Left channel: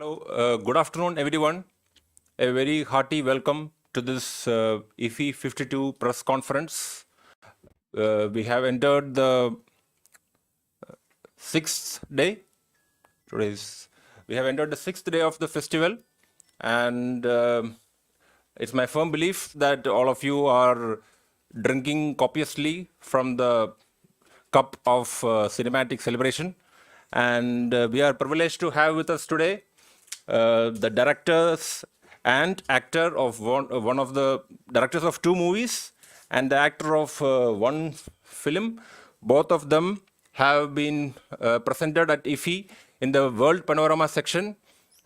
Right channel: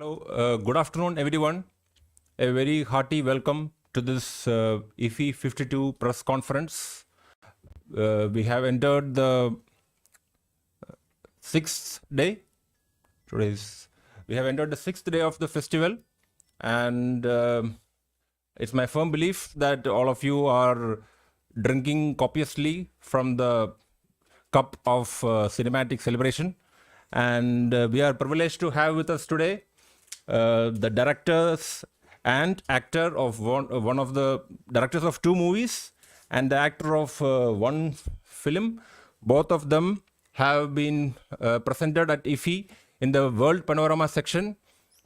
Hello, good afternoon, everyone. A very hearty welcome to this IFFI 52 press conference. We have entered the sixth day. We have entered the sixth day of the festival, and it's my firm belief that all of you are drinking copiously from the cup of cinematic celebration. And we are privileged to have with us today the directors and actor of one of the directors of two movies and the actor of one film. Both of them have been presented at IFFI in the World Panorama section,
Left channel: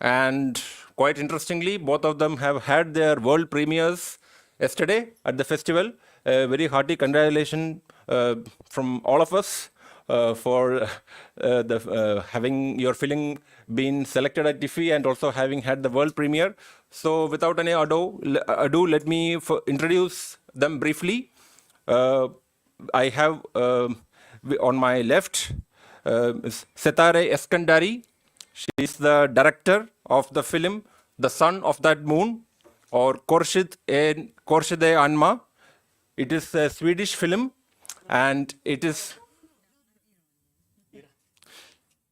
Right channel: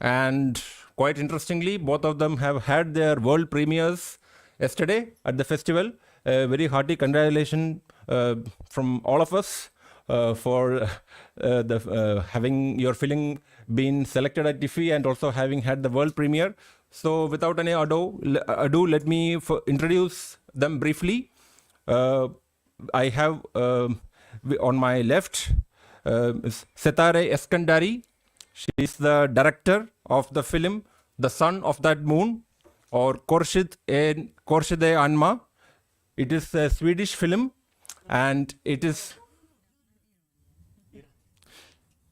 and quite interestingly, both of them have had their world premieres yesterday at the festival. Very hearty congratulations from all of us for having your film been selected at IFFI and also having had the world premiere. So without any ado, let me introduce them briefly. I have on my left Setareh Eskandari. She is the director of the film The Son of That Moon, or Korshid Anma. It is a Swedish film, and it is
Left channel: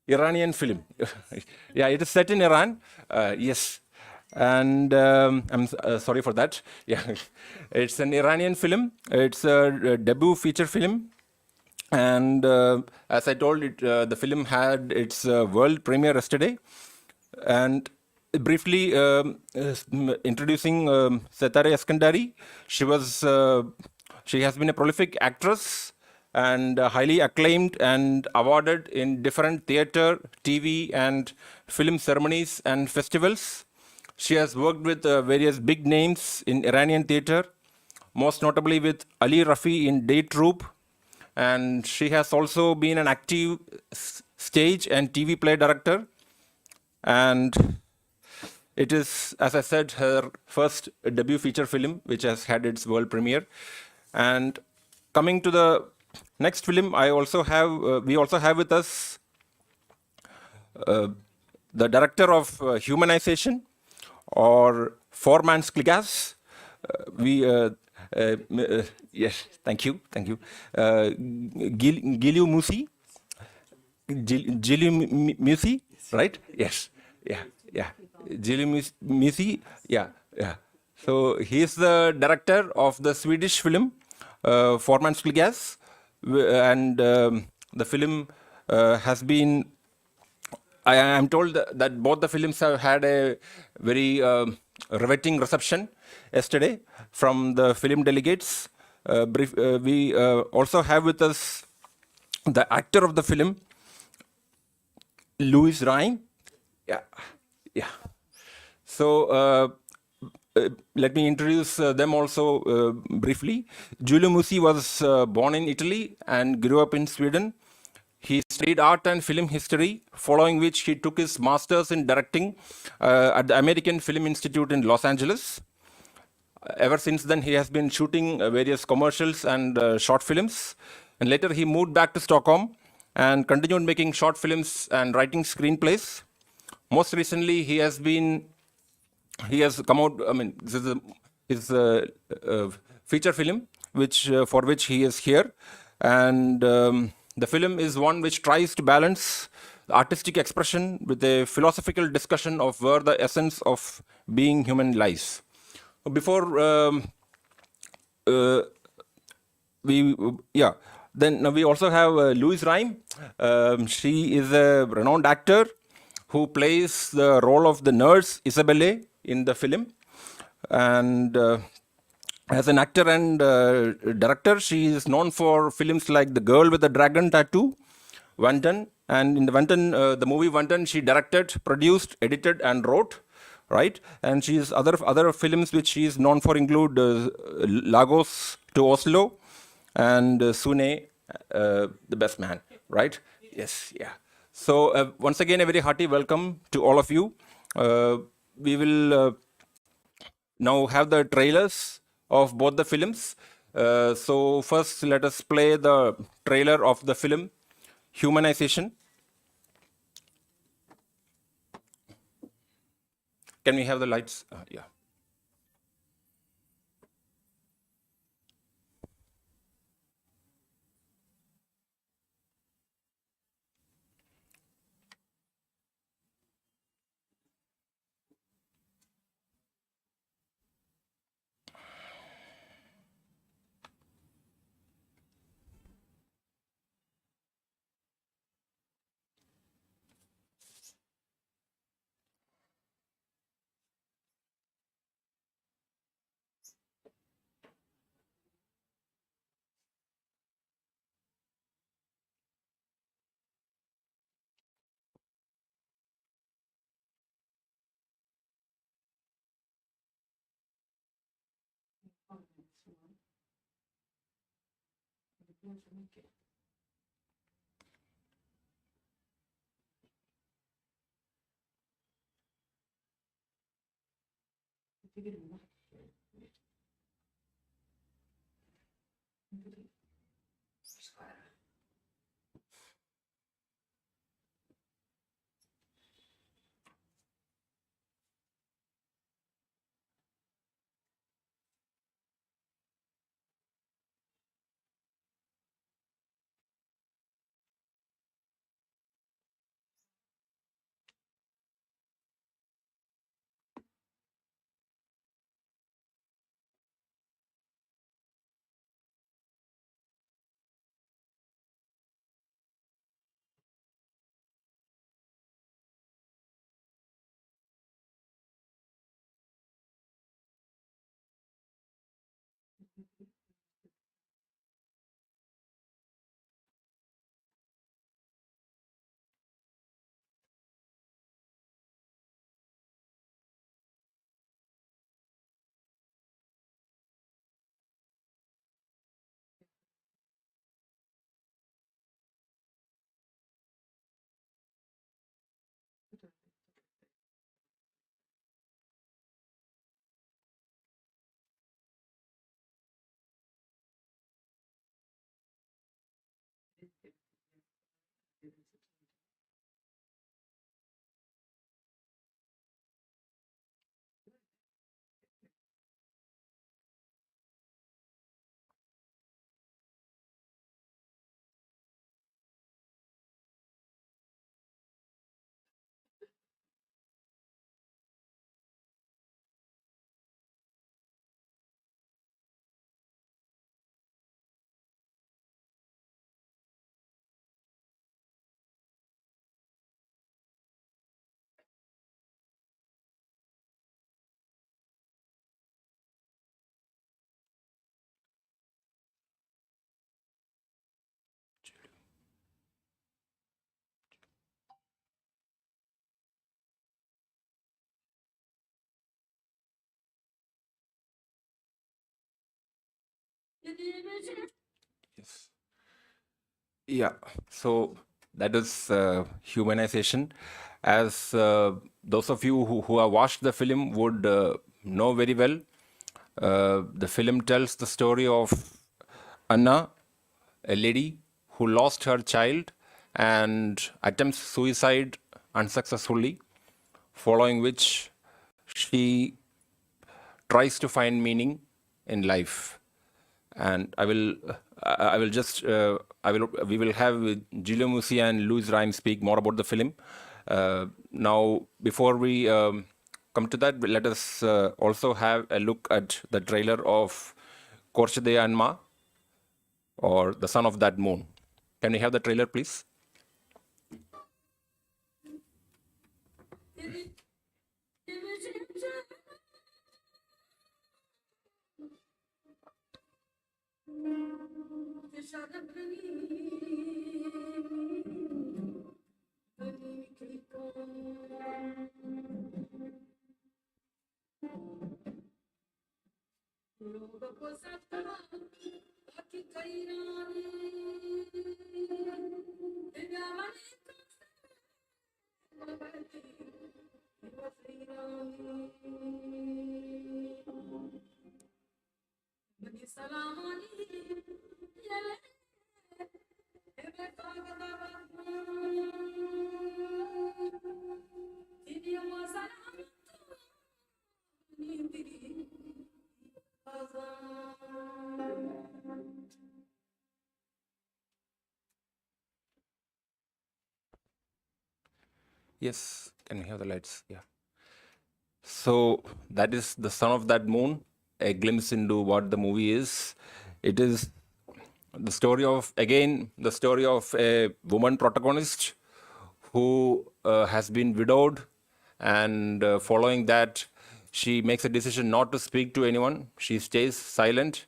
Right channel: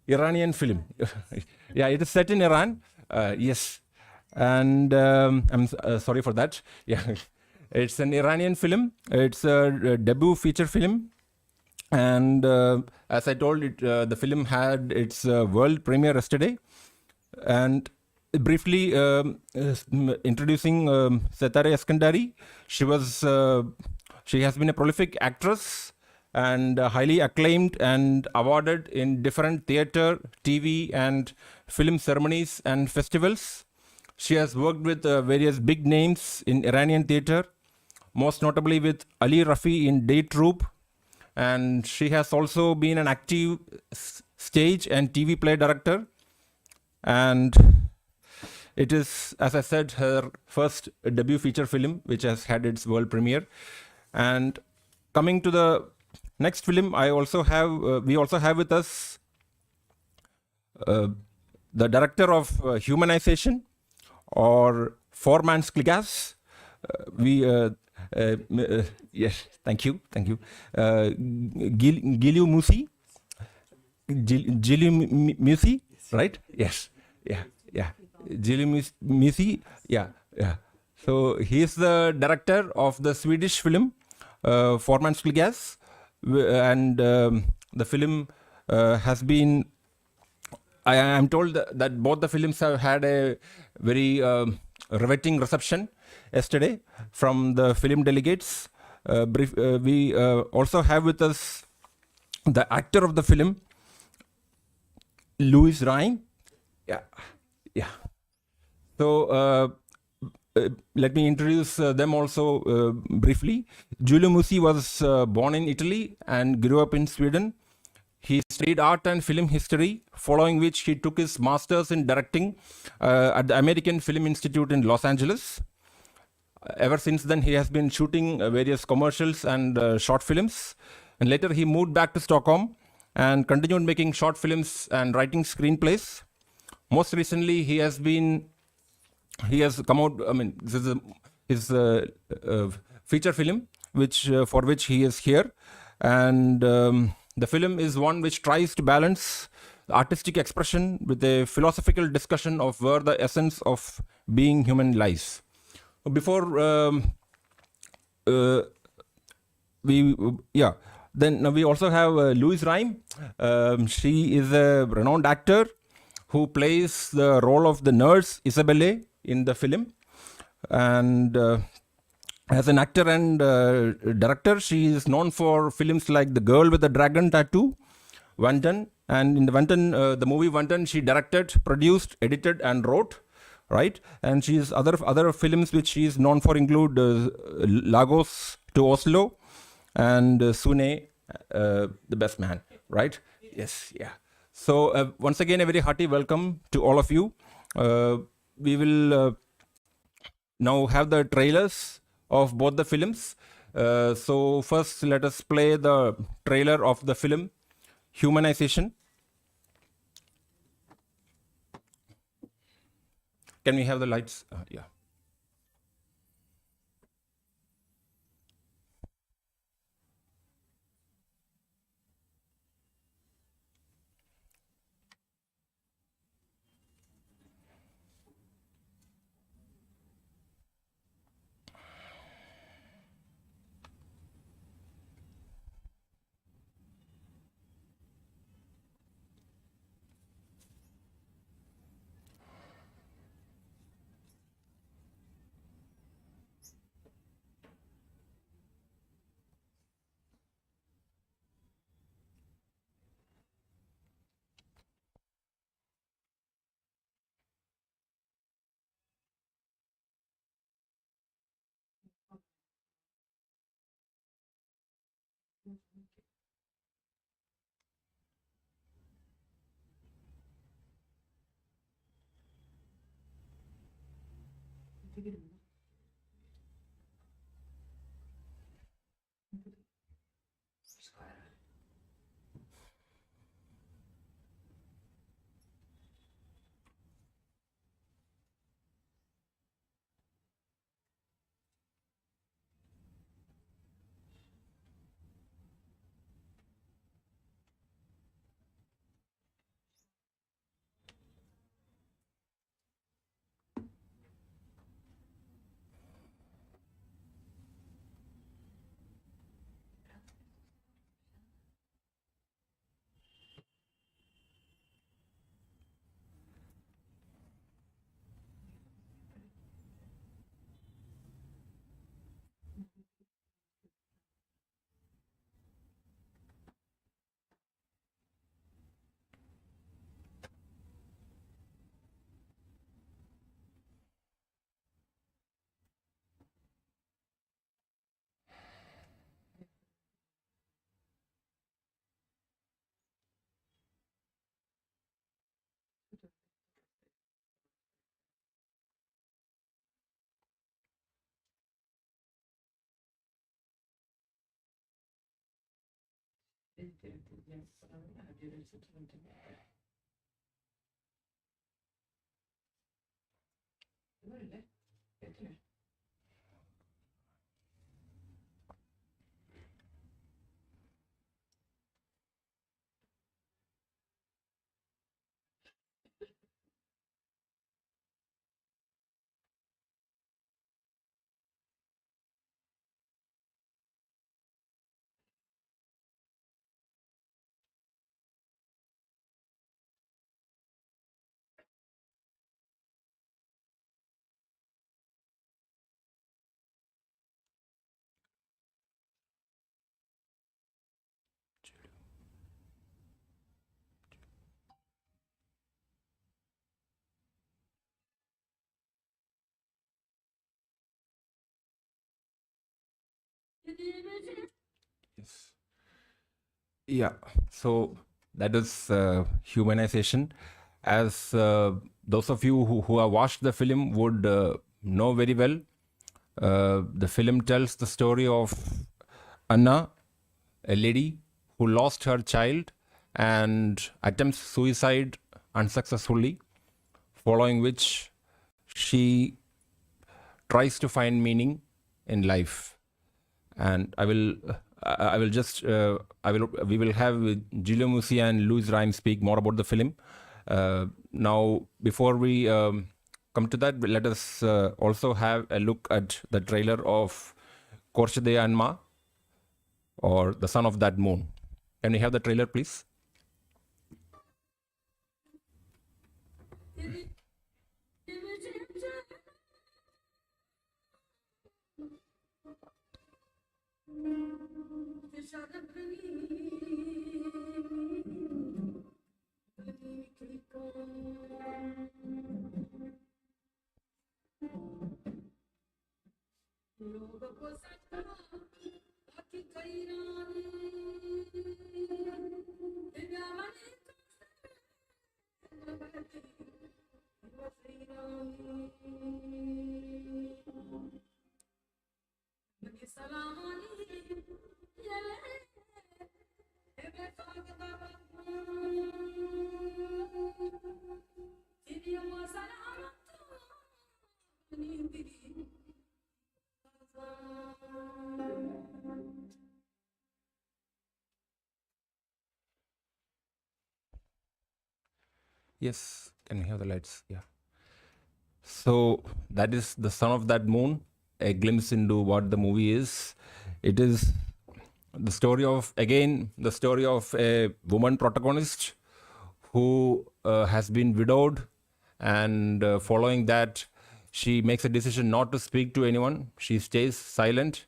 Iranian film. Yeah, it is set in Iran. Yes, and I'm sorry for that. Yeah, it's an Iranian film. It's a debut feature film, and as I told it, the film had its world premiere yesterday. And briefly introducing Setareh Eskandari, she has been a prolific actress and highly acclaimed and awarded in different theater, TV, and film ceremonies and festivals. She has worked with various big names in Iranian theater, most notably with Ali Rafi in Day Troupe, and she has also been an active stage and TV play director. And it is, as I said, her first debut feature film, which has had its world premiere. And coming to the next film, we also have with us the director of Humanization, or Four Man's Kligas. Yes, thank you. Giulio Musi. Giulio Musi, right? Yes, yeah. Giulio Musi, yeah. So he is the director of the Swedish film Four Man's Kligas, and the film has been. I am told that both the films have had a very riveting reception yesterday from the film delegates. We also have with us the actor of the film, Louise Ryme. Yeah. So let me introduce them also briefly. Giulio Musi was born in Italy and grew up in Sweden. He studied art and film history, following which he took his master's in directing at the American Film Institute in Los Angeles. Ever since then, he has been shooting various commercials and short films. And later, he moved back to Stockholm and continued making short films and writing screenplays. Most recently, he has come out. I mean, this is his feature film, for which he is here, and the film is one which tries to balance artistic expression with a philosophical discussion of where the essence of being human lies. Before then we also have Louise Ryme. She is a renowned actor who plays the role of the nurse Isabelle in the film, and as an actor and director, she is known for films like The Girl with the Dragon Tattoo, Vantan, and in the movie Vantan, she directed, produced, edited, and wrote. Right, and she is other films which she is known for include Lagos to Oslo and Sune, the Best Man. Right? Yes, yeah. So once again, a very hearty welcome to all of you. We will now have the trailers of both the films. So first, let us play the trailer of the film Humanization. Can we have the lights? Yeah. Yes. Yeah, so that is humanization. As those of you who have watched the film would know very well, the film tells the story of Anna, a lady who lost her child and attempts suicide unsuccessfully, following which she tries to find meaning in life. And I will just we will have Giulio Musi and Louise Ryme speak more about the film. Now, before we come to that, let us also have a look at the trailer of Korshade Anma, or The Son of That Moon. Can we have the trailer, please? Yes, can you hear the lights? Yeah. So that is The Son of That Moon, a glimpse into what the movie is. It is the story of a woman protagonist who has been widowed, and following that, she makes a decision not to speak to anyone. She stays silent.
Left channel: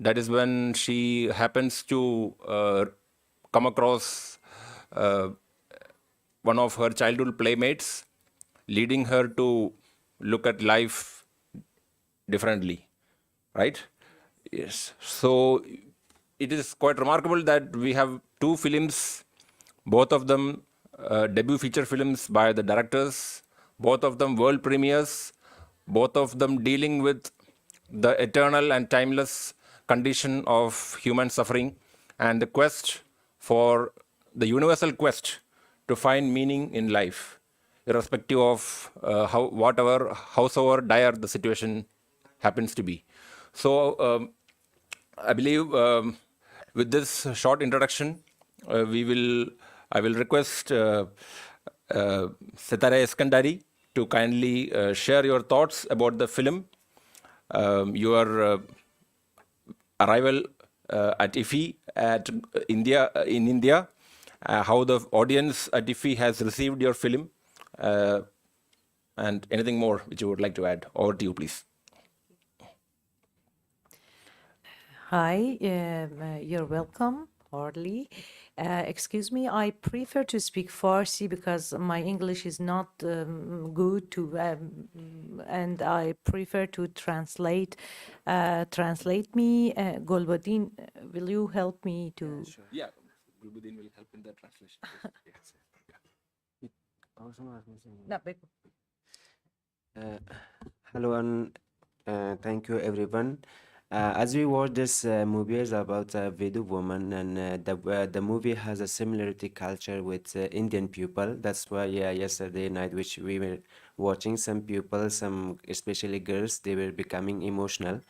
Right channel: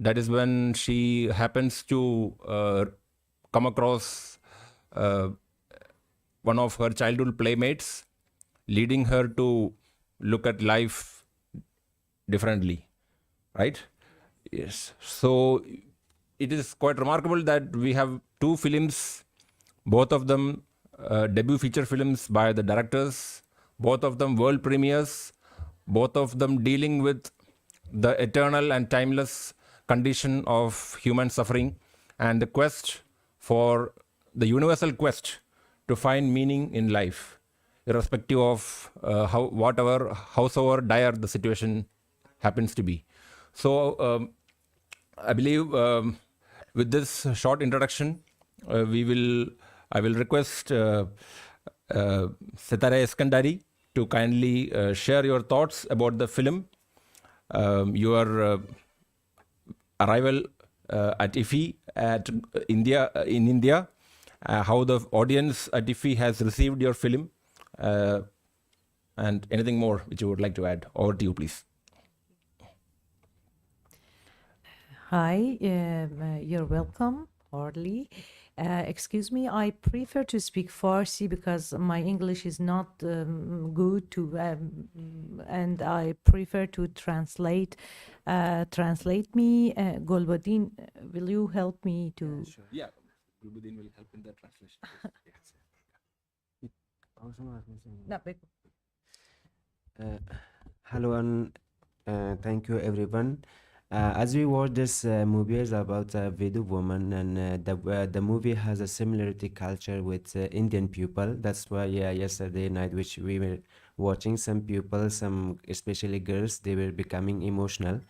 That is when she happens to come across uh, one of her childhood playmates, leading her to look at life differently, right? Yes. So it is quite remarkable that we have two films, both of them debut feature films by the directors, both of them world premieres, both of them dealing with the eternal and timeless condition of human suffering and the quest for the universal quest to find meaning in life, irrespective of howsoever dire the situation happens to be. So I believe with this short introduction, I will request Setareh Eskandari to kindly share your thoughts about the film, your arrival at IFFI at in India, how the audience at IFFI has received your film, uh, and anything more which you would like to add. Over to you, please. Hi, you're welcome, Hardly. Excuse me, I prefer to speak Farsi because my English is not good to, and I prefer to translate. Translate me, Golbadin. Will you help me to? Sure. Yeah, Gulbuddin will help in the translation. Yes. No, Uh, Hello and thank you everyone. As we watch this movie is about a Vedu woman, and the movie has a similarity culture with Indian people. That's why yesterday night which we were watching, some people, some especially girls, they were becoming emotional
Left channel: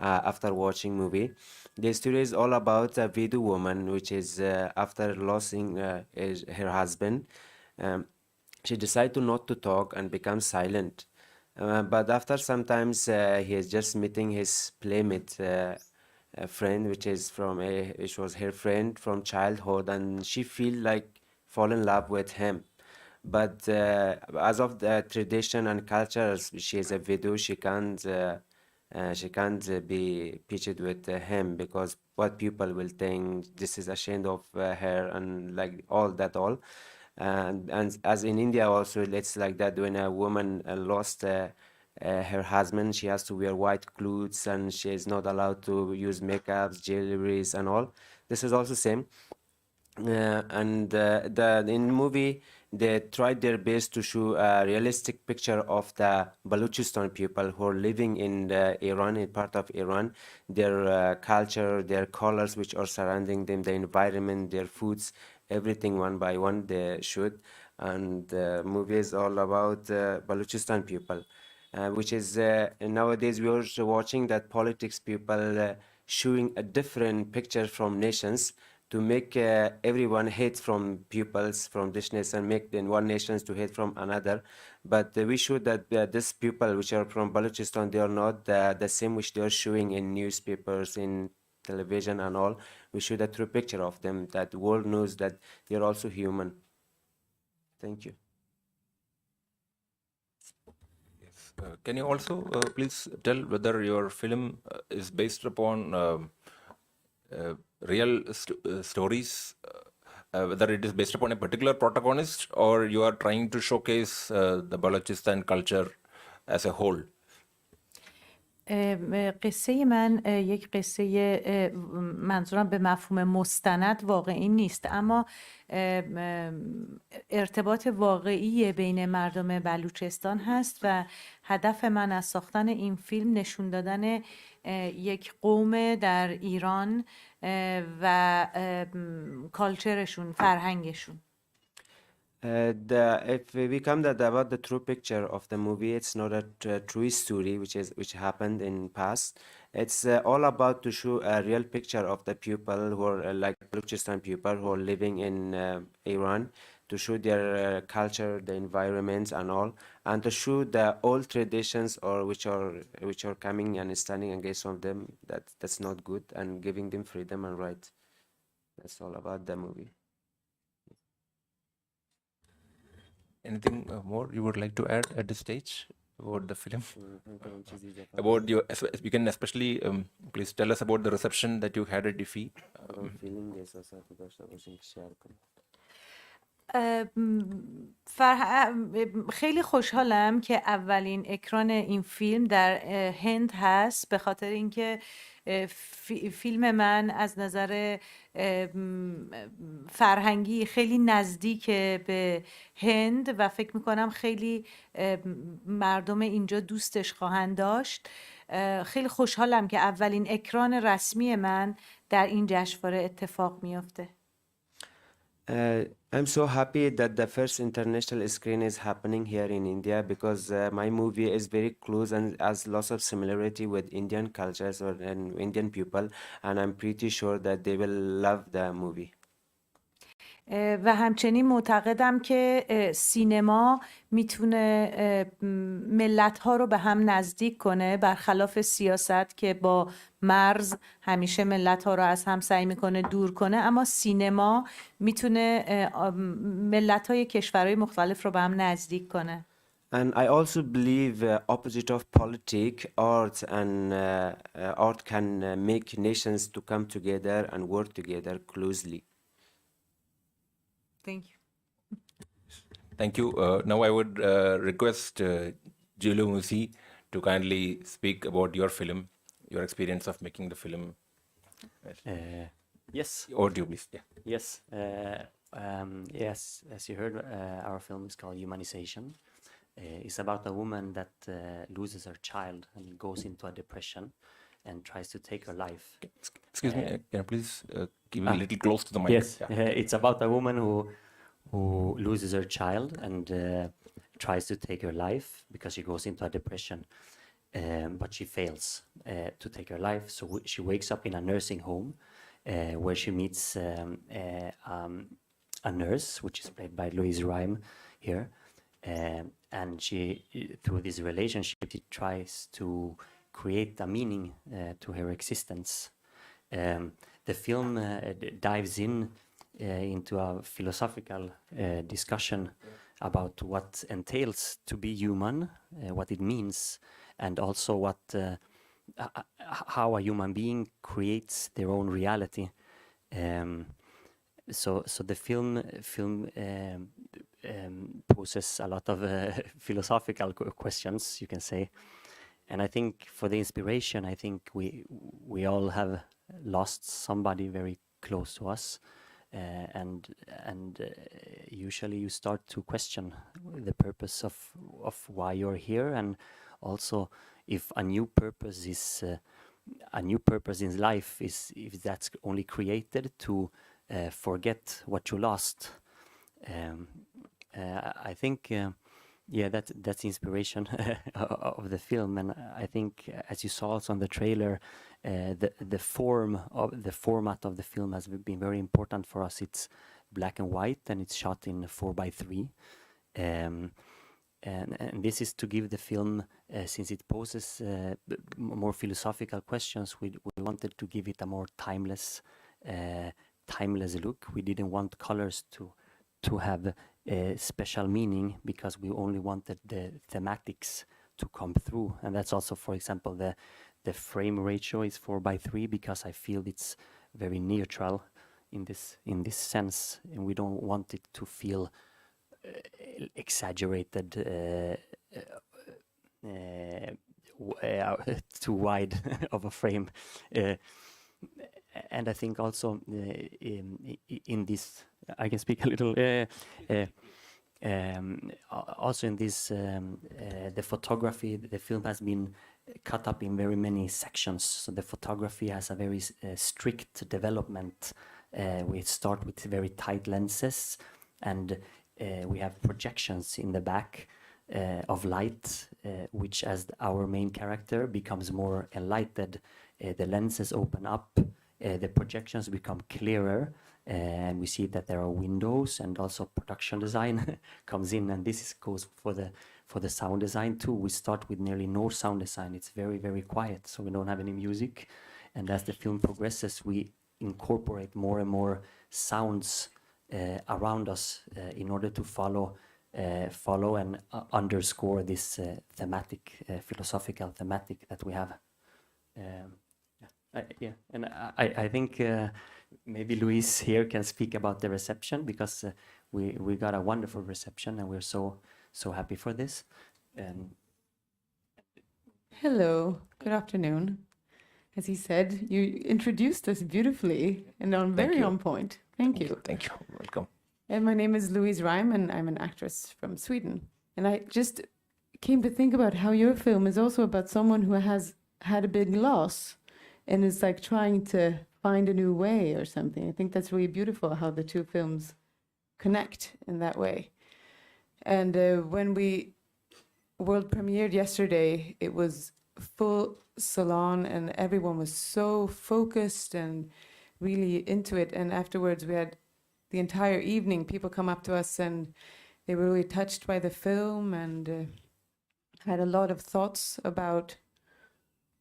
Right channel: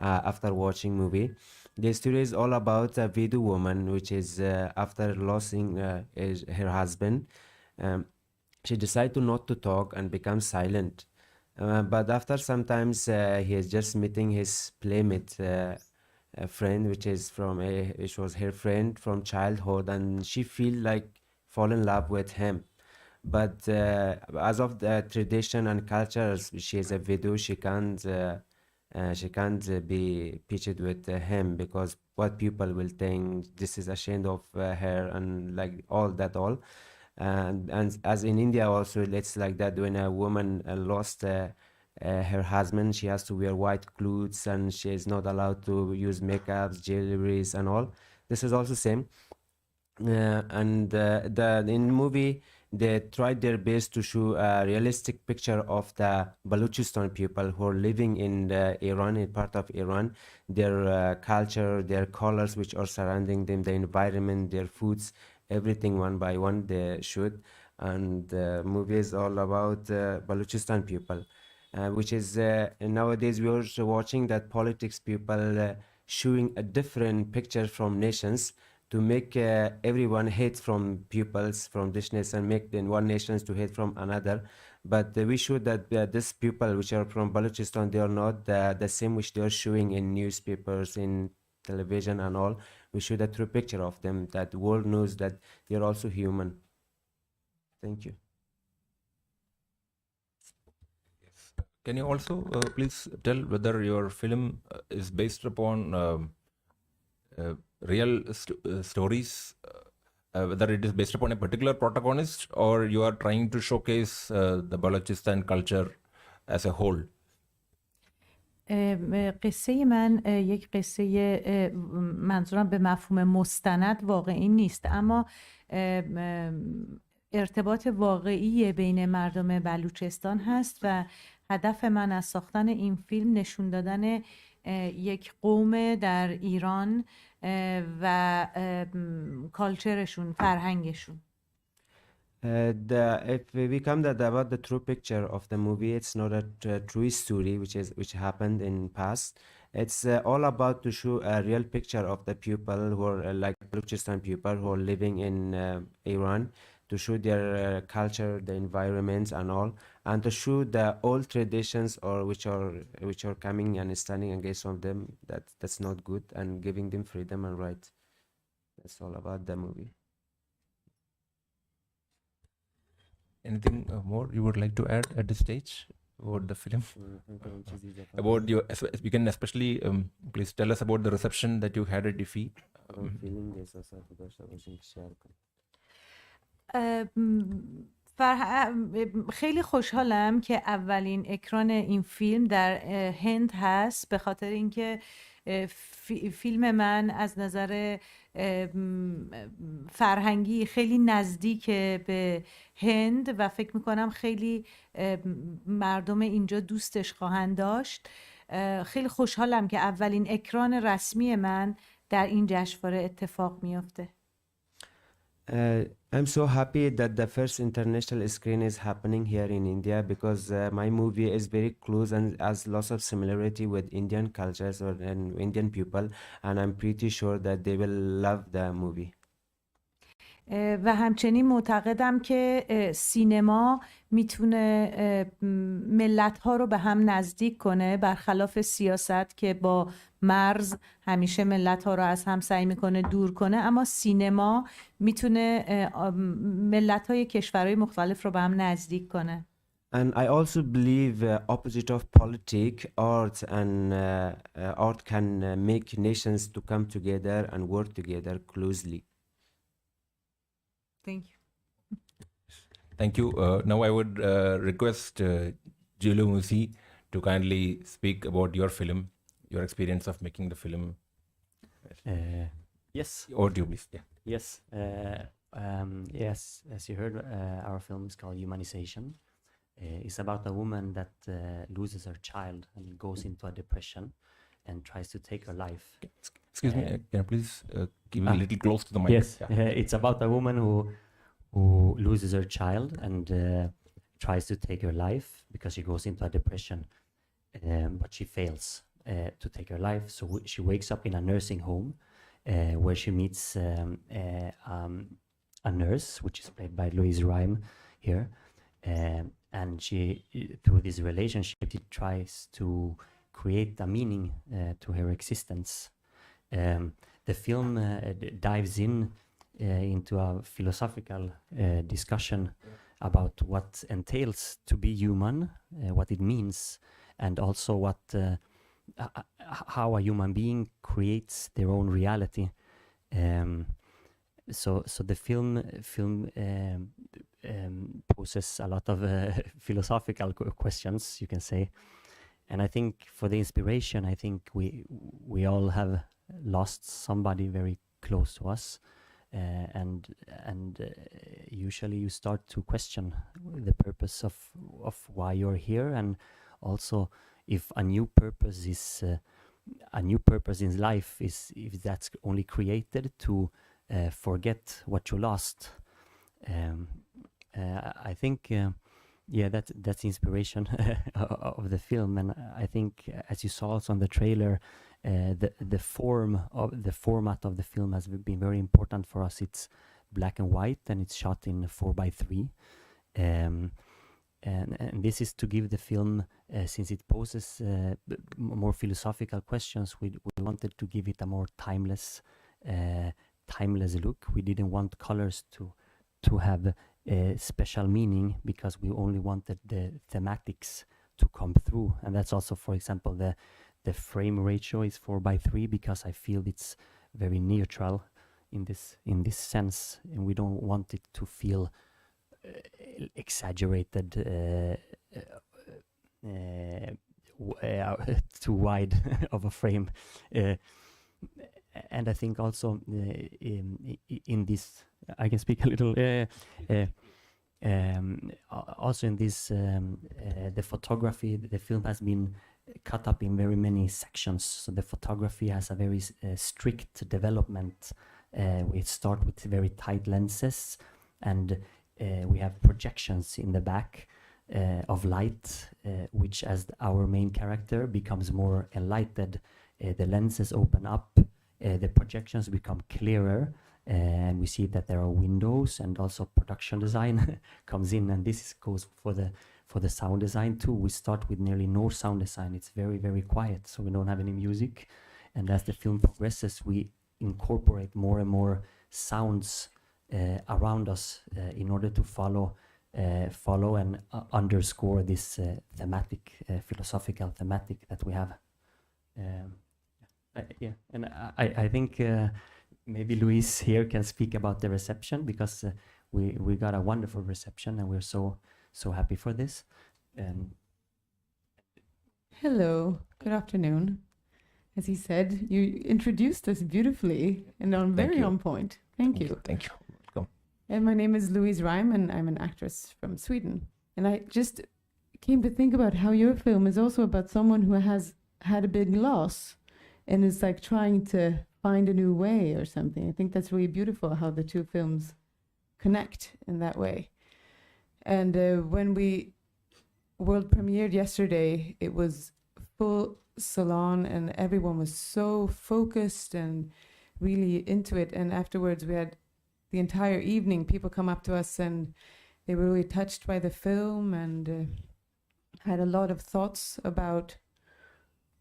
after watching movie. The story is all about a Vedu woman, which is after losing her husband. Um, she decided to not to talk and become silent. But after sometimes he is just meeting his playmate, a friend, which was her friend from childhood, and she feel like fall in love with him. But as of the tradition and cultures, she is a widow. She can't be pitched with him because what people will think this is ashamed of her and like all. And as in India also, it's like that when a woman lost her husband, she has to wear white clothes and she is not allowed to use makeups, jewelries, and all. This is also same. And the in movie they tried their best to show a realistic picture of the Balochistan people who are living in Iran, in part of Iran, their culture, their colors which are surrounding them, the environment, their foods, everything one by one they showed. And the movie is all about Balochistan people, which is nowadays we are also watching that politics people showing a different picture from nations to make everyone hate from pupils from this nation, make then one nations to hate from another. But we show that this people which are from Balochistan, they are not the same which they are showing in newspapers, in television and all. We show the true picture of them, that the world knows that they are also human. Thank you. Yes. Can you also please tell whether your film is based upon real stories, whether it is based upon a particular protagonist, or you are trying to showcase the Balochistan culture as a whole? قصه من یک قصه منظورم به مفهوم مستند واقعی نیست، اما ارتباط واقعی بین مردم بلوچستان هست و هدف من از ساختن این فیلم نشون دادن یک قوم در ایران و کالچرشون، فرهنگشون. If we come that about the true picture of the movie, it's not a true story which happened in past. It's all about to show a real picture of the people who are like Balochistan people who are living in Iran, to show their culture, the environments and all, and to show the old traditions or which are coming and standing against of them, that's not good, and giving them freedom and rights. That's all about the movie. Anything more you would like to add at this stage about the film? About your, you can especially please tell us about the reception that you had at IFFI. خیلی خوشحالم که اولین اکران این فیلم در هند هست، به خاطر اینکه فیلم من از نظر فرهنگی خیلی نزدیک به هند و فکر میکنم خیلی مردم اینجا دوستش خواهند داشت. خیلی خوشحالم که اولین اکران رسمی من در این جشنواره اتفاق میافته. I'm so happy that the first international screen is happening here in India, because my movie is very close and has lots of similarity with Indian cultures and Indian people, and I'm pretty sure that they will love the movie. و همچنین معتقدم که سینما میتونه ملت‌ها رو به هم نزدیک کنه، برخلاف سیاست که با مرز همیشه ملت‌ها رو از هم سعی میکنه دور کنه، اما سینما میتونه ملت‌های کشورهای مختلف رو به هم نزدیک کنه. And I also believe opposite of politics, art can make nations to come together and work together closely. Thank you. Thank you. Now I would request Giulio Musi to kindly speak about your film, your experience of making the film. Yes. Over to you, please. Yeah. Yes. Yes. As you heard, our film is called Humanization. It's about a woman that loses her child and goes into a depression and tries to take her life. Excuse me, can you please keep a little close to the mic? Yes, Yeah. it's about a woman who loses her child and tries to take her life because she goes into a depression, but she fails to take her life. So she wakes up in a nursing home where she meets a nurse, which is played by Louise Ryme here, and she, through this relationship, she tries to create a meaning to her existence. The film dives into a philosophical discussion about what entails to be human, what it means, and also how a human being creates their own reality. So the film poses a lot of philosophical questions, you can say. And I think for the inspiration, I think we all have lost somebody very close to us, and usually you start to question the purpose of why you're here, and also if a new purpose in life is if that's only created to forget what you lost. I think. Yeah, that's the inspiration of the film, and I think, as you saw also on the trailer, the format of the film has been very important for us. It's black and white, and it's shot in 4:3, and this is to give the film, since it poses more philosophical questions, we wanted to give it a more timeless look. We didn't want colors to have a special meaning, because we only wanted the thematics to come through. And that's also, for example, the frame ratio is 4:3, because I feel it's very neutral in this sense, and we don't want it to feel exaggerated, too wide of a frame. And I think also in this, I can speak a little. Also in this, the photography, the film has been cut up in very many sections. So the photography has a very strict development. We start with very tight lenses, and we have projections in the back of light, which, as our main character becomes more enlightened, the lenses open up. The projections become clearer, and we see that there are windows, and also production design comes in, and goes for the sound design too. We start with nearly no sound design. It's very, very quiet, so we don't have any music. And as the film progresses, we incorporate more and more sounds around us in order to follow and underscore this philosophical thematic that we have. And I think maybe Louise here can speak about the reception, because we got a wonderful reception, and we're so happy for this. Hello, good afternoon. As he said, you introduced us beautifully and very you. on point. Thank you. Thank you. Welcome. And my name is Louise Ryme, and I'm an actress from Sweden. And I just came to think about how your film is also about someone who has had a big loss and is like trying to find a new way or something. I think that's really beautiful how the two films connect in that way. And when we world premiered yesterday, it was full salon and everyone was so focused and really into it. And afterwards we had the entire evening people come up to us and they were really touched by the film and had a lot of thoughts about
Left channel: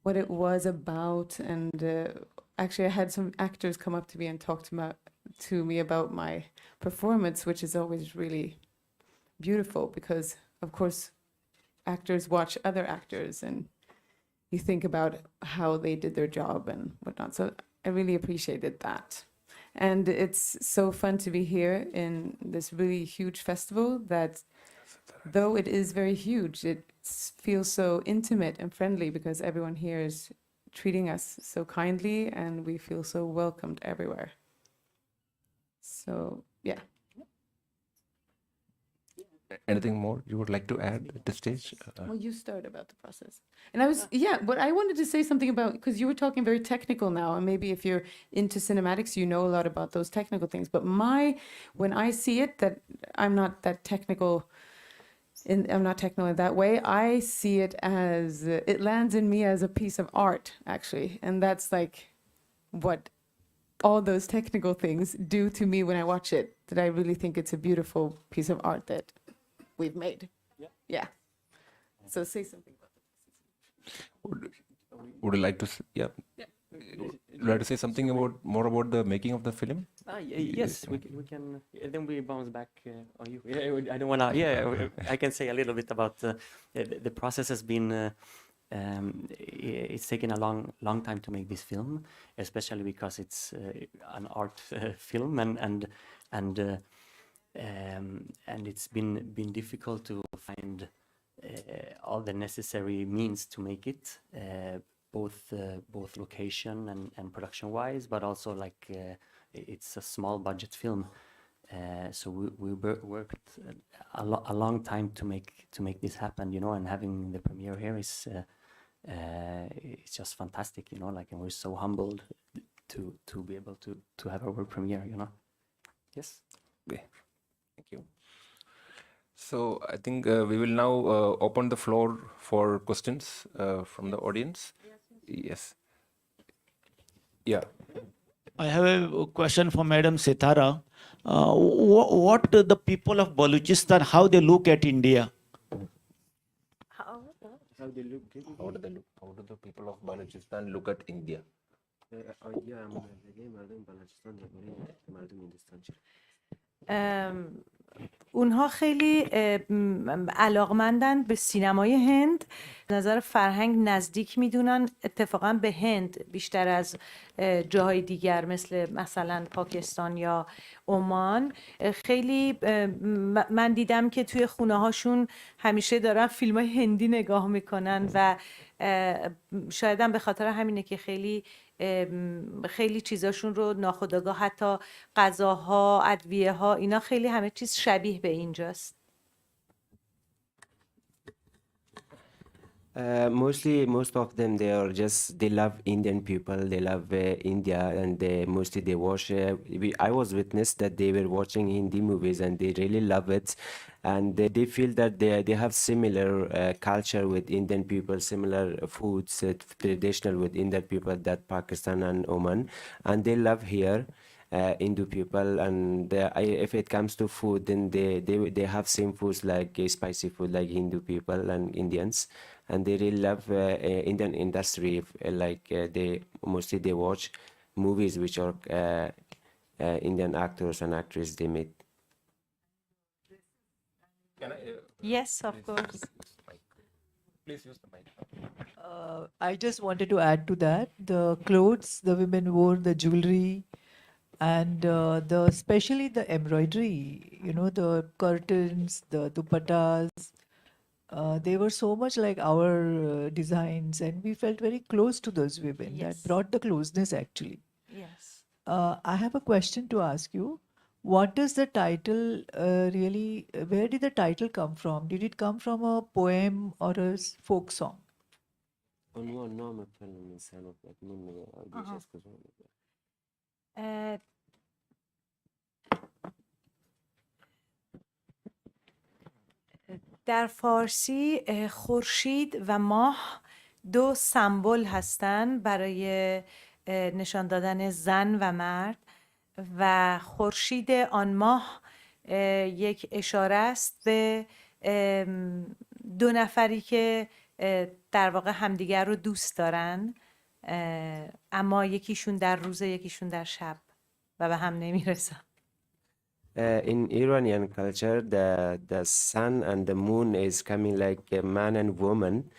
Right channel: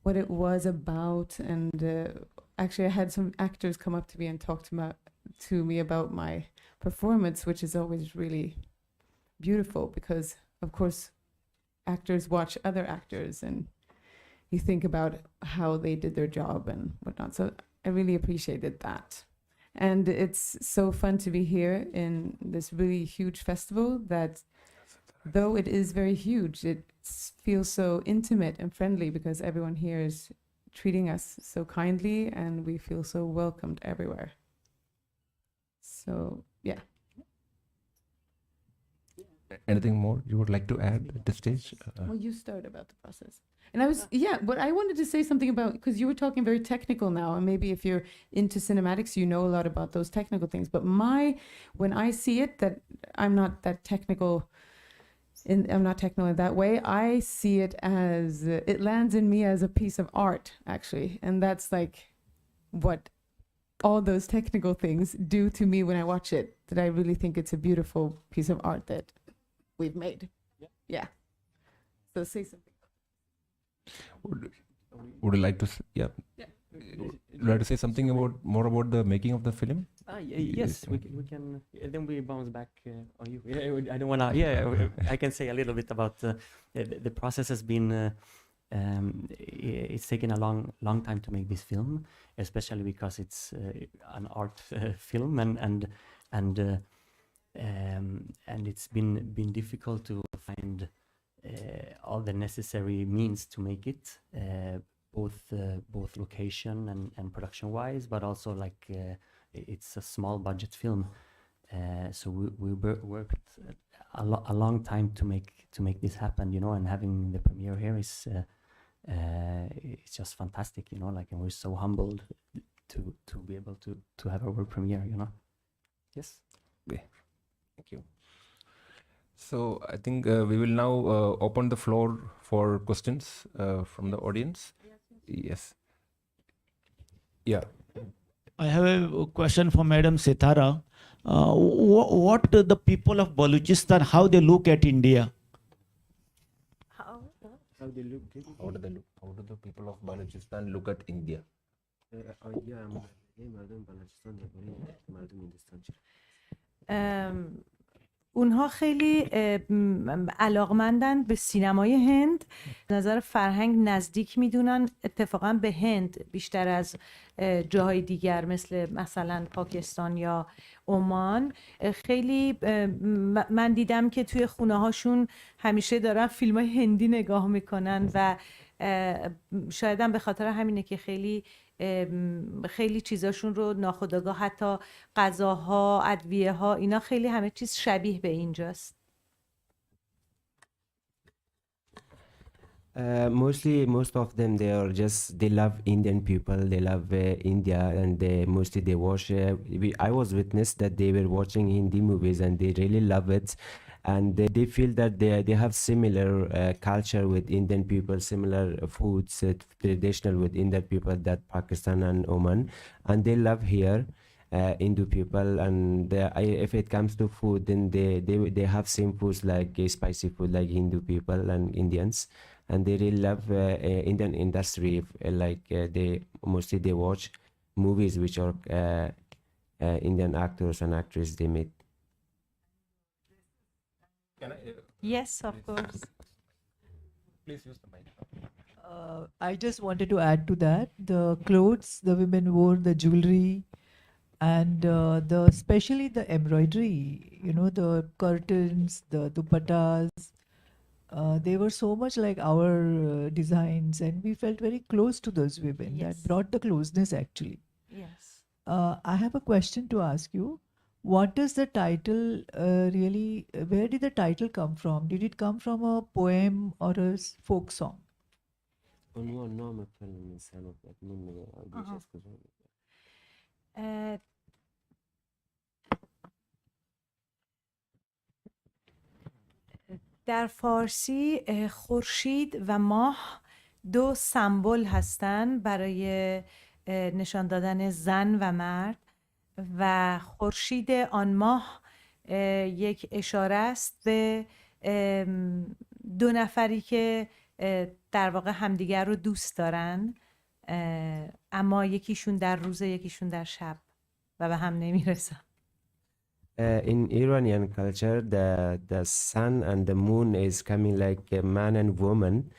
what it was about. And actually I had some actors come up to me and talk to me about my performance, which is always really beautiful because of course actors watch other actors and you think about how they did their job and whatnot. So I really appreciated that. And it's so fun to be here in this really huge festival that, though it is very huge, it feels so intimate and friendly because everyone here is treating us so kindly and we feel so welcomed everywhere. So, yeah. Anything more you would like to add at this stage? Well, you started about the process. And I was, but I wanted to say something about, because you were talking very technical now, and maybe if you're into cinematics, you know a lot about those technical things. But when I see it, that I'm not that technical, I'm not technical in that way, I see it as, it lands in me as a piece of art, actually. And that's like what all those technical things do to me when I watch it, that I really think it's a beautiful piece of art that we've made. Yeah. So say something about Would you like to? Would you like to say something more about the making of the film? Yes, we can. Then we bounce back on you. I don't want to. Yeah, I can say a little bit about the process. Has been. It's taken a long time to make this film, especially because it's an art film, and it's been difficult to find all the necessary means to make it, both location and production wise, but also like it's a small budget film, so we worked a long time to make this happen, and having the premiere here is it's just fantastic, like, and we're so humbled to be able to have our world premiere, Yes. Thank you. So I think we will now open the floor for questions from the audience. Yes. Yeah. I have a question for Madam Setareh. What the people of Balochistan, how they look at India? How do the people of Balochistan look at India? اونها خیلی علاقمندن به سینمای هند، نظر فرهنگ نزدیک میدونن اتفاقا به هند بیشتر از جاهای دیگر مثلا پاکستان یا عمان. خیلی من دیدم که توی خونه هاشون همیشه دارن فیلم های هندی نگاه میکنن و شاید هم به خاطر همینه که خیلی چیزاشون رو ناخودآگاه، حتی غذاها، ادویه ها، اینا خیلی همه چیز شبیه به اینجاست. Most of them, they love Indian people, they love India, and mostly they watch. I was witness that they were watching Hindi movies and they really love it, and they feel that they have similar culture with Indian people, similar foods traditional with Indian people, that Pakistan and Oman, and they love here. Hindu people, and if it comes to food, then they have same foods like spicy food like Hindu people and Indians, and they really love Indian industry. They mostly they watch movies which are Indian actors and actresses they made. Can I? Yes, of course. Please use the mic. I just wanted to add to that the clothes the women wore, the jewelry, and especially the embroidery. You know, the curtains, the dupattas. They were so much like our designs, and we felt very close to those women. Yes. That brought the closeness actually. Yes. I have a question to ask you. What does the title really? Where did the title come from? Did it come from a poem or a folk song? عنوان نام فیلم انسان و مدمون بیش از کجا اه، در فارسی خورشید و ماه دو سمبل هستند برای نشان دادن زن و مرد و خورشید آن ماه یک اشاره است به دو نفری که در واقع همدیگر رو دوست دارن اما یکیشون در روز یکیشون در شب و به هم نمیرسن. In Iranian culture, the sun and the moon is coming like a man and woman,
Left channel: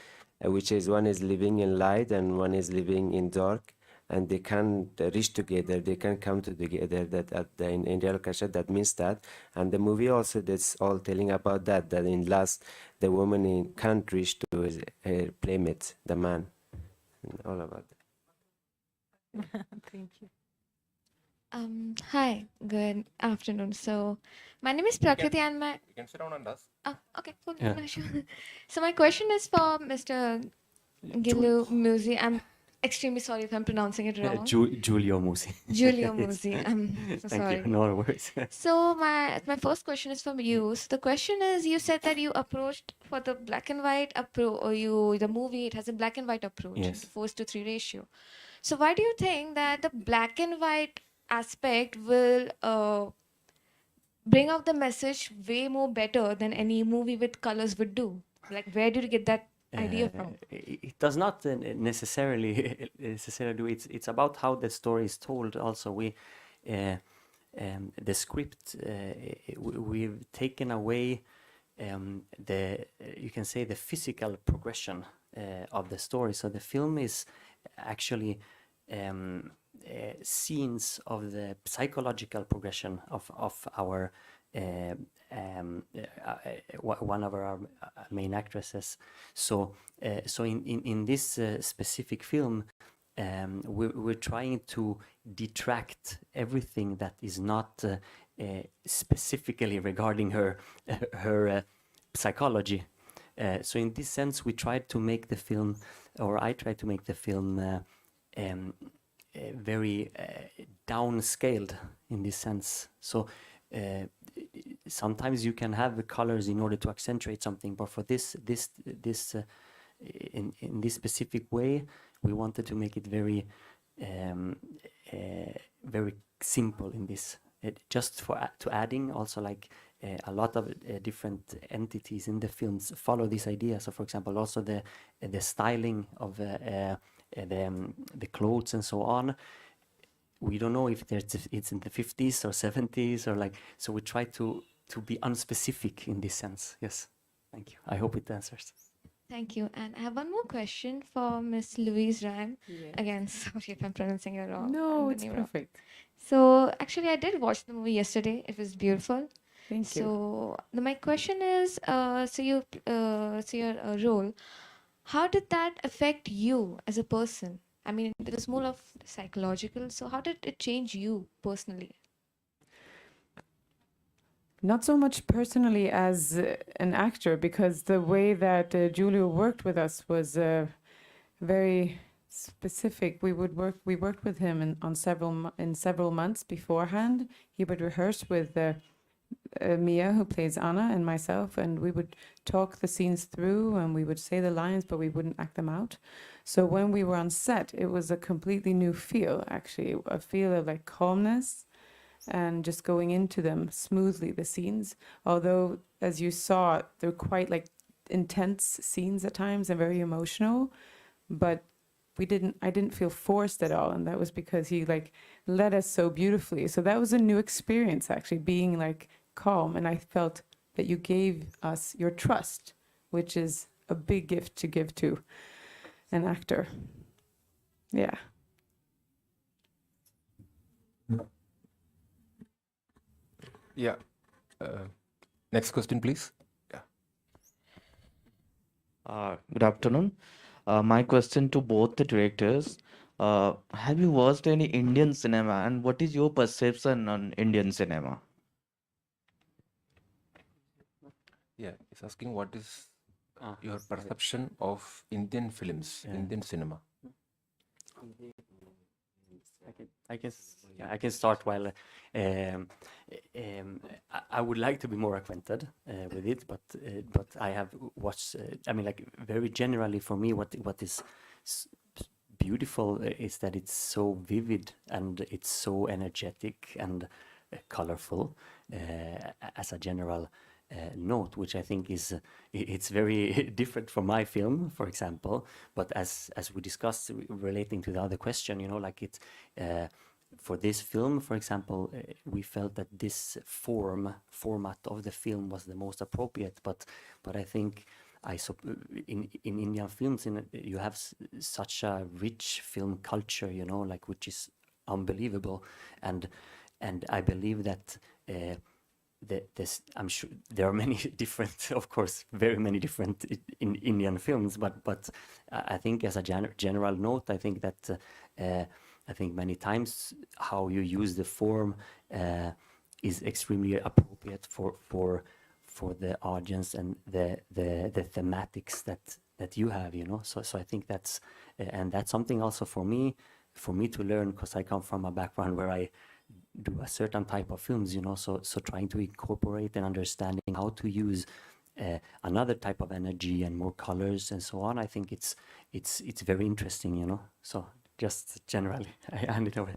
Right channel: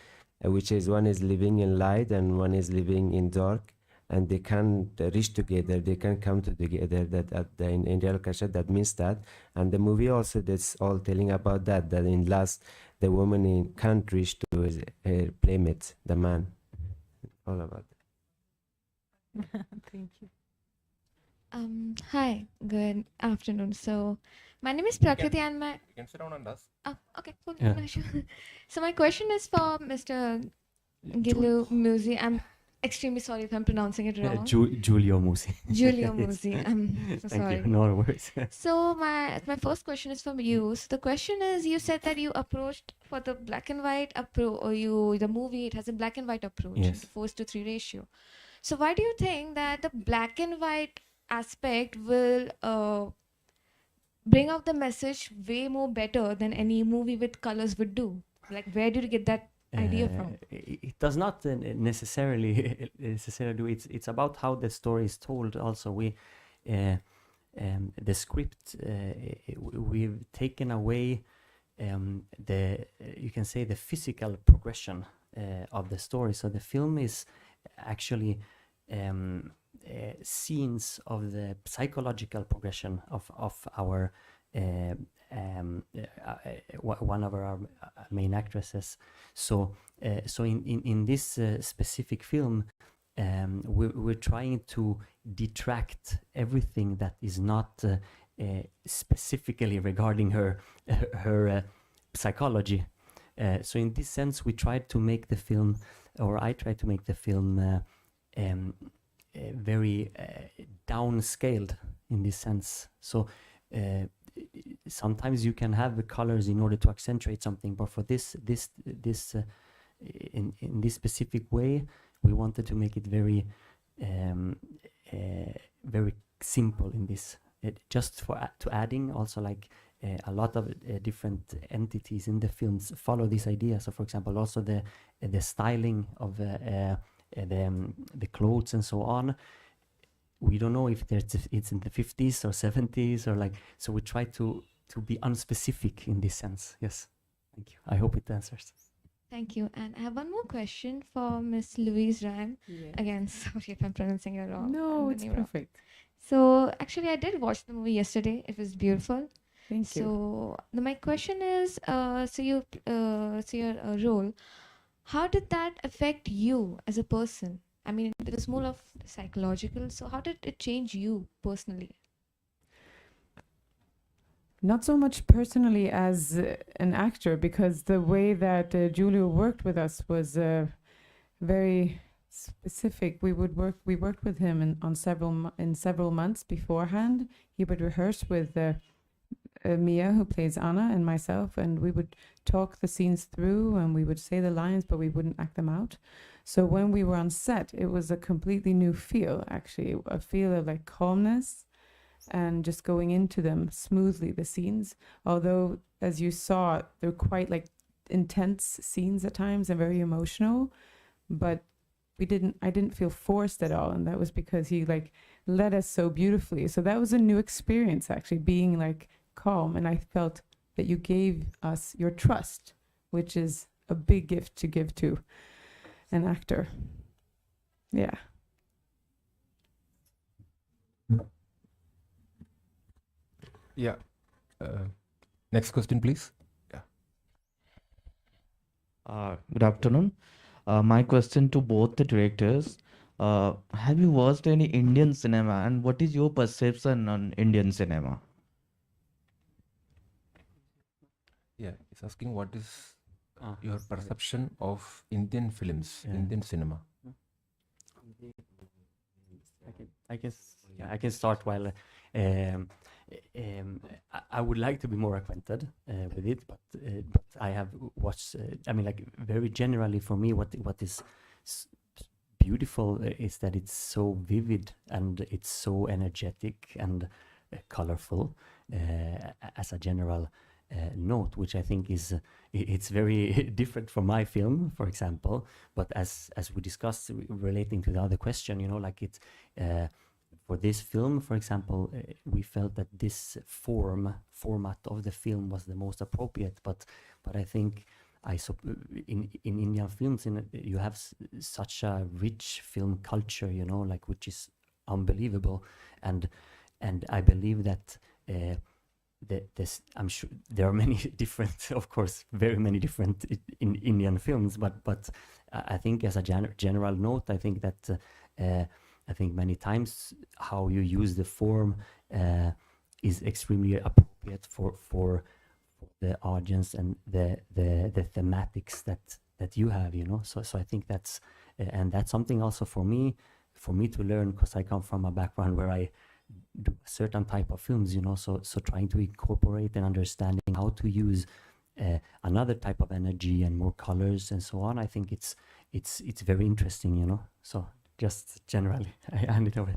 which is one is living in light and one is living in dark, and they can't reach together. They can't come together. In Indian culture, that means that. And the movie also that's all telling about that. That in last, the woman can't reach to her playmate, the man. All about that. Thank you. Hi, good afternoon. So, my name is Prakriti and my... You can sit down and ask. Oh, okay, cool. Yeah. No, sure. So, my question is for Mr. Giulio Musi. I'm extremely sorry if I'm pronouncing it wrong. Giulio Musi. Giulio Musi. I'm so Thank sorry. you. No worries. So, my first question is from you. So, the question is, you said that you approached for the black and white approach, or the movie, it has a black and white approach, Yes. 4:3 ratio. So, why do you think that the black and white aspect will bring out the message way more better than any movie with colors would do? Like, where did you get that idea from? It does not necessarily do. It's about how the story is told. Also, the script we've taken away you can say the physical progression of the story. So the film is actually scenes of the psychological progression of our one of our main actresses. So in this specific film, we're trying to detract everything that is not specifically regarding her psychology. So in this sense, we tried to make the film, or I tried to make the film very downscaled in this sense. So sometimes you can have the colors in order to accentuate something, but for this in this specific way, we wanted to make it very very simple in this. Just to adding also like a lot of different entities in the films follow this idea. So for example, also the styling of the clothes and so on. We don't know if it's in the 50s or 70s or like, so we try to be unspecific in this sense. Yes, thank you. I hope it answers. Thank you. And I have one more question for Miss Louise Ryme. Yeah. Again, sorry if I'm pronouncing it wrong. No, I'm it's getting it wrong. perfect. So actually, I did watch the movie yesterday. It was beautiful. Thank you. So my question is, so your role, how did that affect you as a person? I mean, it was more of psychological. So how did it change you personally? Not so much personally as an actor, because the way that Giulio worked with us was very specific. We worked with him on several months beforehand. He would rehearse with Mia, who plays Anna, and myself, and we would talk the scenes through, and we would say the lines, but we wouldn't act them out. So when we were on set, it was a completely new feel, actually, a feel of like calmness and just going into them smoothly, the scenes. Although, as you saw, they're quite like intense scenes at times and very emotional, but I didn't feel forced at all, and that was because he like led us so beautifully. So that was a new experience, actually, being like calm, and I felt that you gave us your trust, which is a big gift to give to an actor. Yeah. Yeah. Next question, please. Good afternoon. My question to both the directors, have you watched any Indian cinema and what is your perception on Indian cinema? Yeah, he's asking what is your sorry. perception of Indian films, Yeah. Indian cinema. I can start while I would like to be more acquainted with it, but I have watched. I mean, like very generally for me, what is s- beautiful is that it's so vivid and it's so energetic and colorful as a general note, which I think is it's very different from my film, for example. But as we discussed, relating to the other question, you know, like it's for this film, for example, we felt that this format of the film was the most appropriate. But I think in Indian films, you have such a rich film culture, you know, like which is unbelievable, and I believe that. I'm sure there are many different, of course, very many different in Indian films, but I think as a general note, I think that I think many times how you use the form is extremely appropriate for the audience and the thematics that you have, you know. So I think that's and that's something also for me to learn, because I come from a background where I do a certain type of films, you know, so trying to incorporate and understanding how to use another type of energy and more colors and so on. I think it's very interesting, you know. So just generally, I hand it over.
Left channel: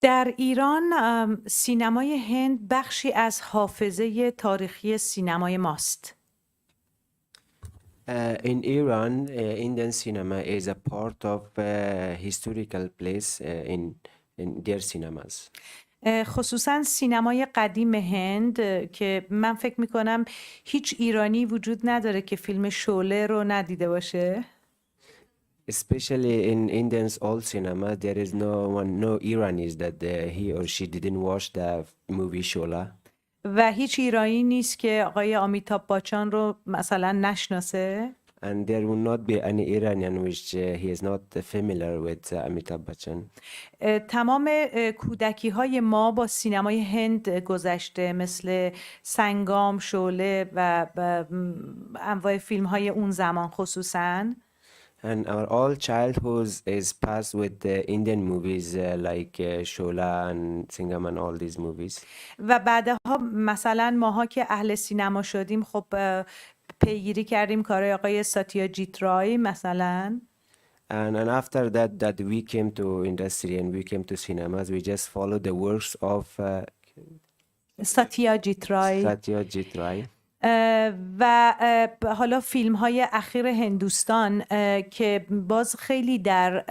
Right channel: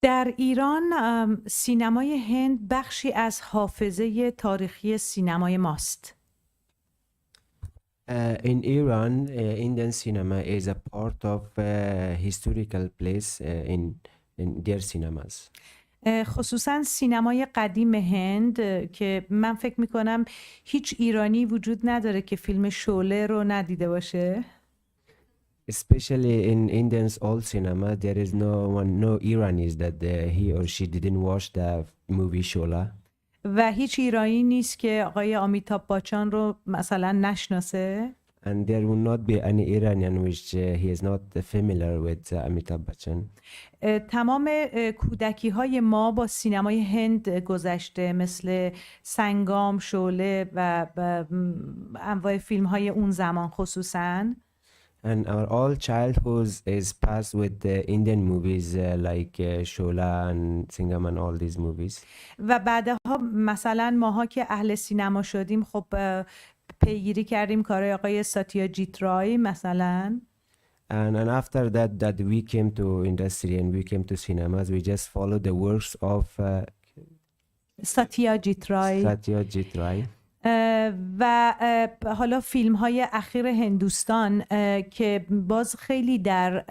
در ایران سینمای هند بخشی از حافظه تاریخی سینمای ماست. In Iran, Indian cinema is a part of historical place in their cinemas. خصوصا سینمای قدیم هند که من فکر میکنم هیچ ایرانی وجود نداره که فیلم شعله رو ندیده باشه. Especially in Indian's old cinema, there is no Iranis that he or she didn't watch the movie Shola. و هیچ ایرانی نیست که آقای آمیتاب باچان رو مثلا نشناسه. And there will not be any Iranian which he is not familiar with Amitabh Bachchan. تمام کودکی های ما با سینمای هند گذشته، مثل سنگام، شعله و انواع فیلم های اون زمان خصوصاً. And our all childhood is passed with the Indian movies like Shola and Singam and all these movies. و بعدها مثلا ماها که اهل سینما شدیم خب پیگیری کردیم کارهای آقای ساتیاجیت رای مثلا. And after that we came to industry and we came to cinemas, we just followed the works of ساتیاجیت رای. Satyajit Ray. و حالا فیلم های اخیر هندوستان که باز خیلی در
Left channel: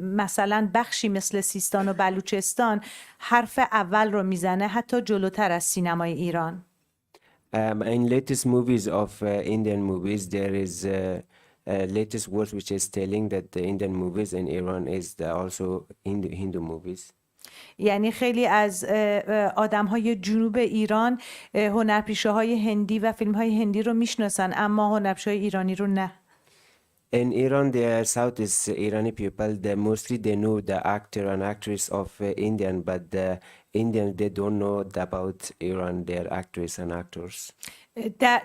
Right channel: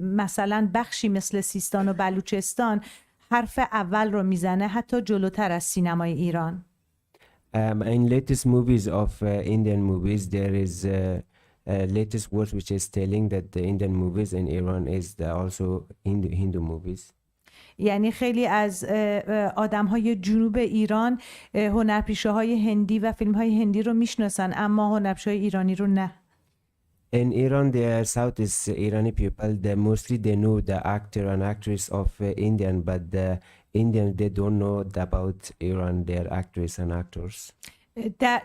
مثلا بخشی مثل سیستان و بلوچستان حرف اول رو میزنه، حتی جلوتر از سینمای ایران. In latest movies of Indian movies, there is latest words which is telling that the Indian movies in Iran is also Hindu movies. یعنی خیلی از آدم های جنوب ایران هنرپیشه های هندی و فیلم های هندی رو میشناسن، اما هنرپیشه های ایرانی رو نه. In Iran, the Southeast Irani people, mostly they know the actor and actress of Indian, but the Indian they don't know about Iran, their actress and actors.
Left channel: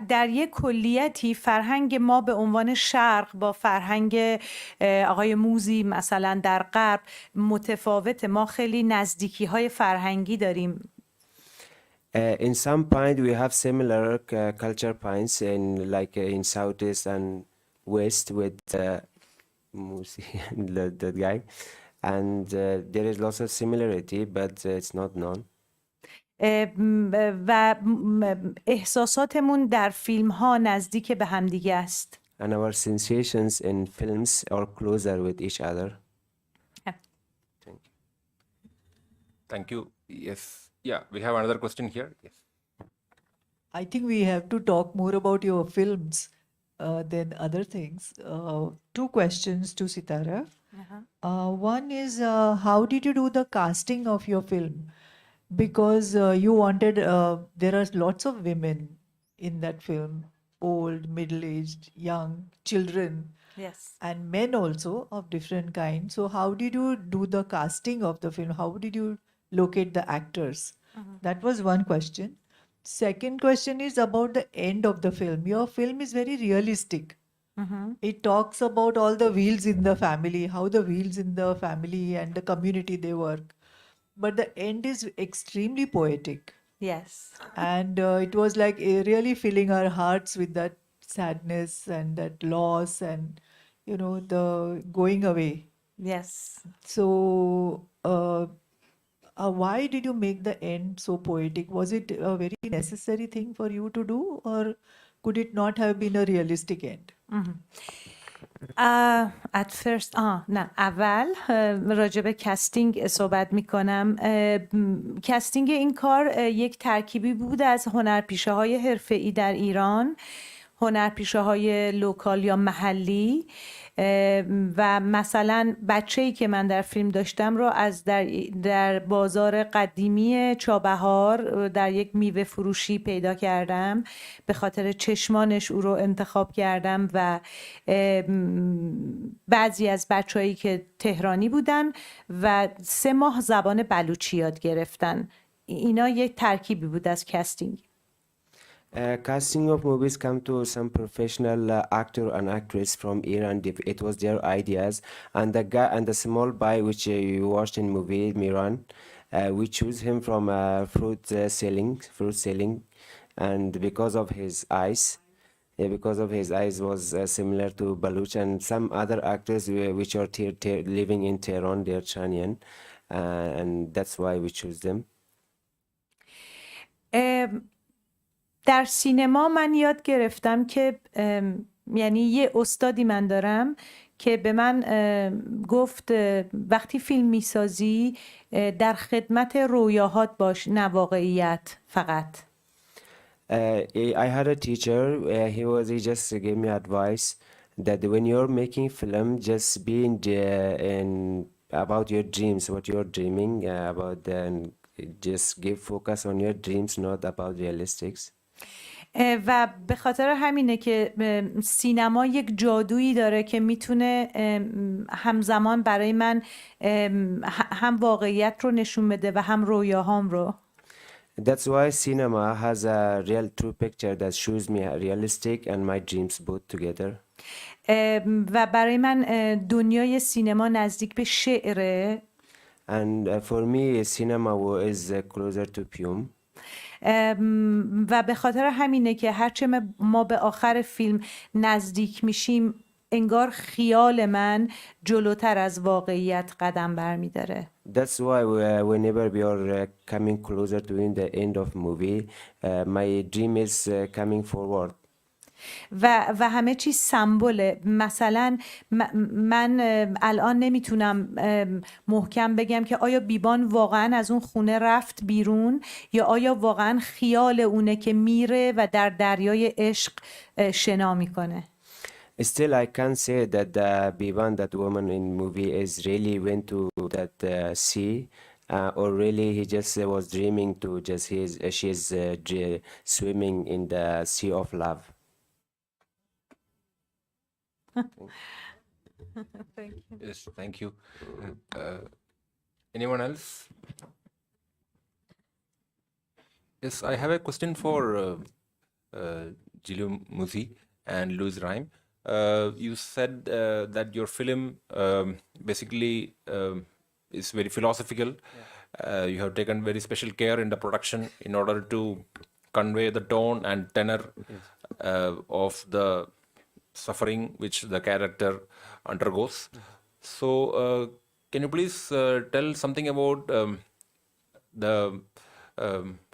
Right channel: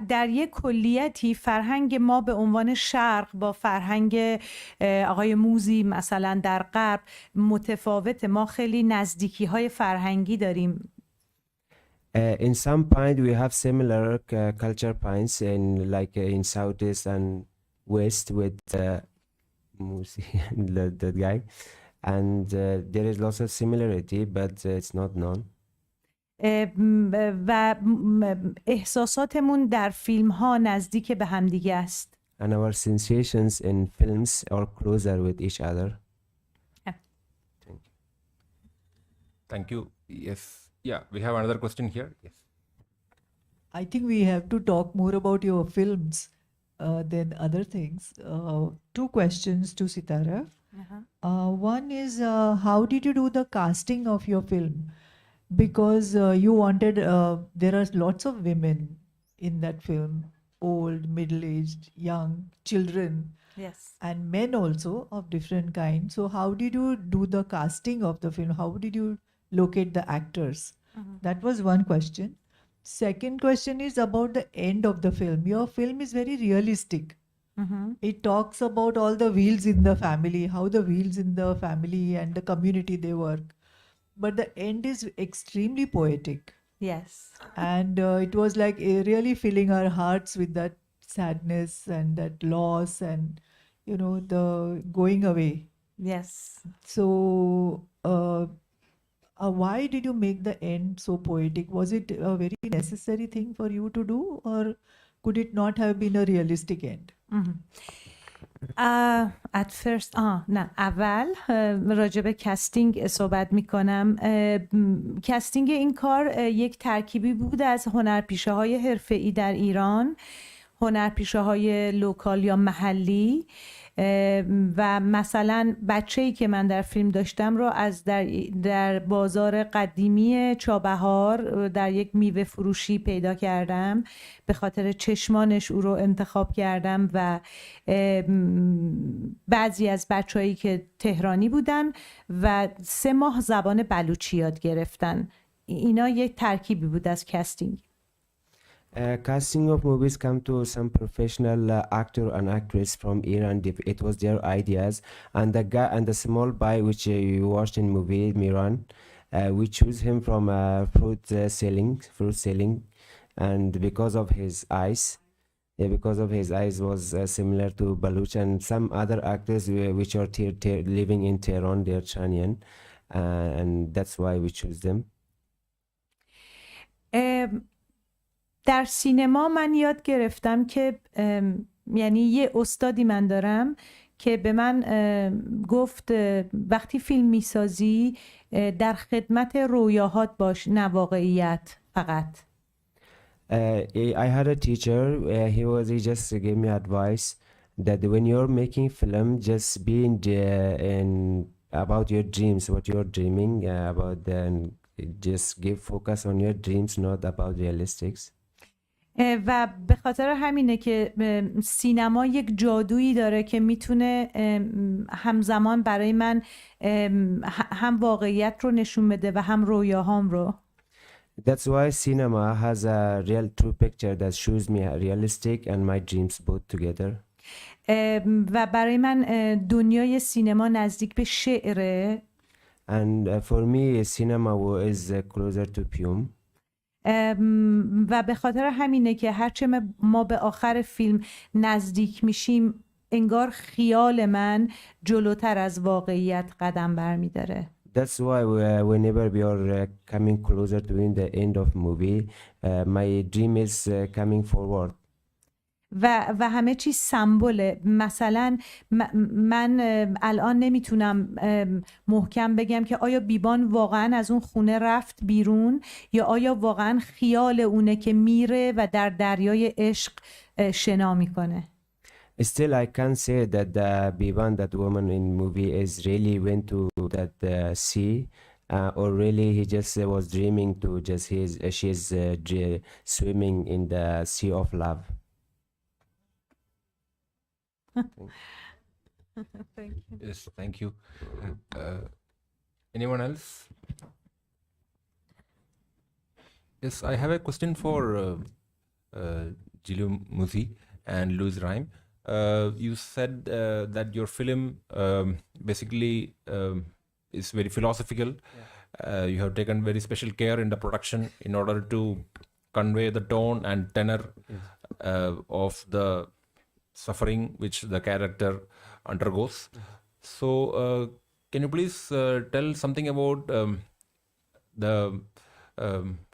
در یک کلیتی فرهنگ ما به عنوان شرق با فرهنگ آقای موزی مثلا در غرب متفاوته. ما خیلی نزدیکی های فرهنگی داریم. In some point we have similar culture points in like in Southeast and West with Musi, that guy. And there is lots of similarity, but it's not known. و احساساتمون در فیلم ها نزدیک به همدیگه است. And our sensations in films are closer with each other. Thank you. Yes. Yeah, we have another question here. Yes. I think we have to talk more about your films than other things. Two questions to Setareh. One is how did you do the casting of your film? Because you wanted, there are lots of women in that film, old, middle-aged, young, children, Yes. and men also of different kinds. So how did you do the casting of the film? How did you locate the actors? That was one question. Second question is about the end of the film. Your film is very realistic. It talks about all the wheels in the family, how the wheels in the family and the community they work. But the end is extremely poetic. Yes. And it was like really filling our hearts with that sadness and that loss and, you know, the going away. Yes. So, why did you make the end so poetic? Was it a very necessary thing for you to do, or could it not have been a realistic end? at first نه اول راجع به کستینگ صحبت میکنم. کستینگ این کار یک ترکیبی بود از هنرپیشه های حرفه‌ای در ایران، هنرپیشه های لوکال یا محلی و مثلا بچه‌ای که من در فیلم داشتم رو از در بازار قدیمی چابهار در یک میوه فروشی پیدا کردم، به خاطر چشمانش او رو انتخاب کردم و بعضی از بچه‌هایی که تهرانی بودن و 3 ماه زبان بلوچی یاد گرفتن. اینا یک ترکیبی بود از کستینگ. Casting of movies come to some professional actor and actress from Iran. It was their ideas, and the guy and the small boy which you watched in movie Miran, we choose him from fruit selling, and because of his eyes. Because of his eyes was similar to Baluch and some other actors which are living in Tehran, they're Chanian, and that's why we choose them. در سینما من یاد گرفتم که یعنی یه استادی من دارم که به من گفت وقتی فیلم میسازی در خدمت رویاهات باش، نه واقعیت فقط. I had a teacher, he just gave me advice that when you're making film, just be in about your dreams, what you're dreaming about, then just give focus on your dreams, not about realistics. و به خاطر همینه که سینما یک جادویی داره که میتونه همزمان برای من هم واقعیت رو نشون بده و هم رویاهام رو. That's why cinema has a real true picture that shows me realistic and my dreams both together. و برای من دنیای سینما نزدیک به شعره. And for me cinema is closer to poem. و به خاطر همینه که هرچه ما به آخر فیلم نزدیک میشیم انگار خیال من جلوتر از واقعیت قدم برمیداره. That's why whenever we are coming closer to the end of movie, my dream is coming forward. و همه چیز سمبوله. مثلا من الان نمیتونم محکم بگم که آیا بیبان واقعا از اون خونه رفت بیرون یا آیا واقعا خیال اونه که میره و در دریای عشق شنا میکنه. Still, I can't say that Biban, that woman in movie, is really went to that sea, or really he just was dreaming to just she's swimming in the sea of love. Thank you. Yes, thank you. Anyone else? Yes, I have a question for Giulio, Musi and Louise Ryme. You said that your film basically is very philosophical. You have taken very special care in the production in order to convey the tone and tenor of the suffering which the character undergoes. So, can you please tell something about the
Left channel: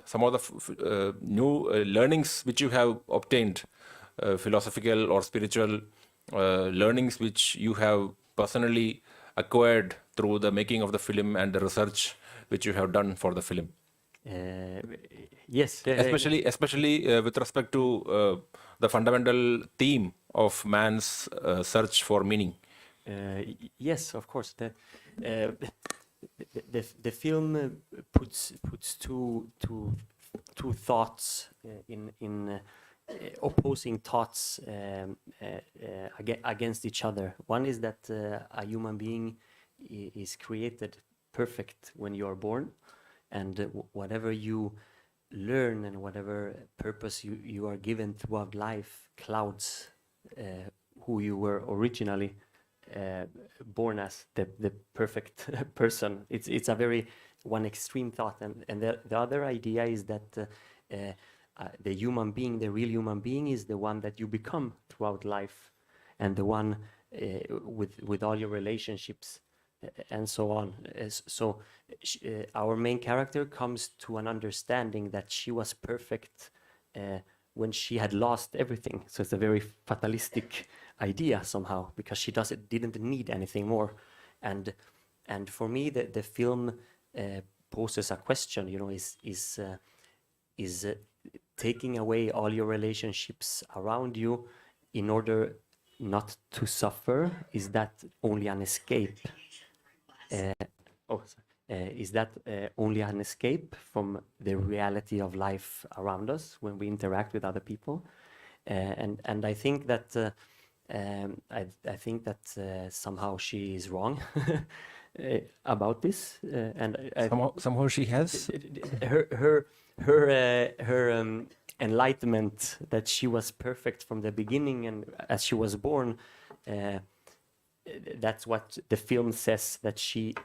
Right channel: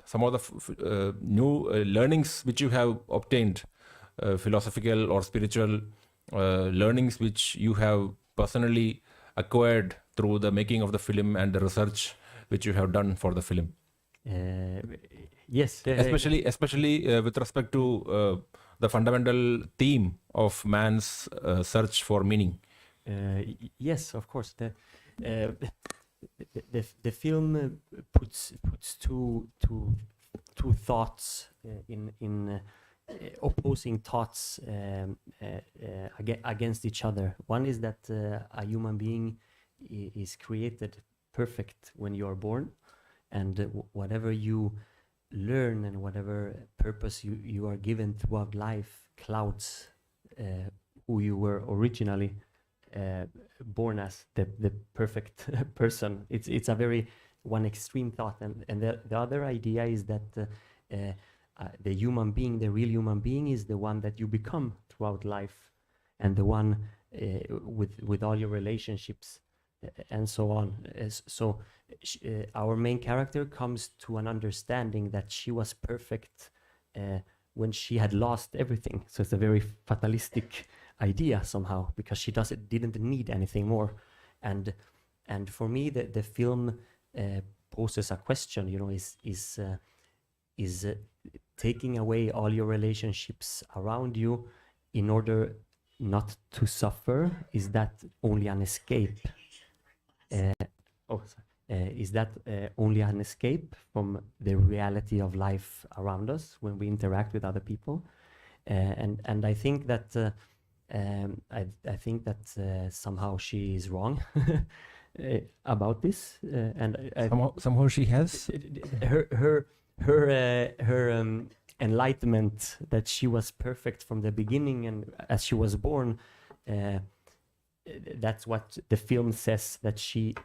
some of the new learnings which you have obtained, philosophical or spiritual learnings which you have personally acquired through the making of the film and the research which you have done for the film? Yes, Especially with respect to the fundamental theme of man's search for meaning. yes, of course. The film puts two thoughts in opposing thoughts against each other. One is that a human being is created perfect when you are born, and whatever you learn and whatever purpose you are given throughout life clouds who you were originally born as, the perfect person. It's a very one extreme thought, and the other idea is that the human being, the real human being, is the one that you become throughout life, and the one with all your relationships and so on. So our main character comes to an understanding that she was perfect when she had lost everything. So it's a very fatalistic idea somehow, because she didn't need anything more. And for me, the film poses a question. You know, is taking away all your relationships around you in order not to suffer, is that only an escape? Is that only an escape from the reality of life around us when we interact with other people? And I think that I think that somehow she is wrong about this, and Somehow she has. her enlightenment that she was perfect from the beginning and as she was born. That's what the film says, that she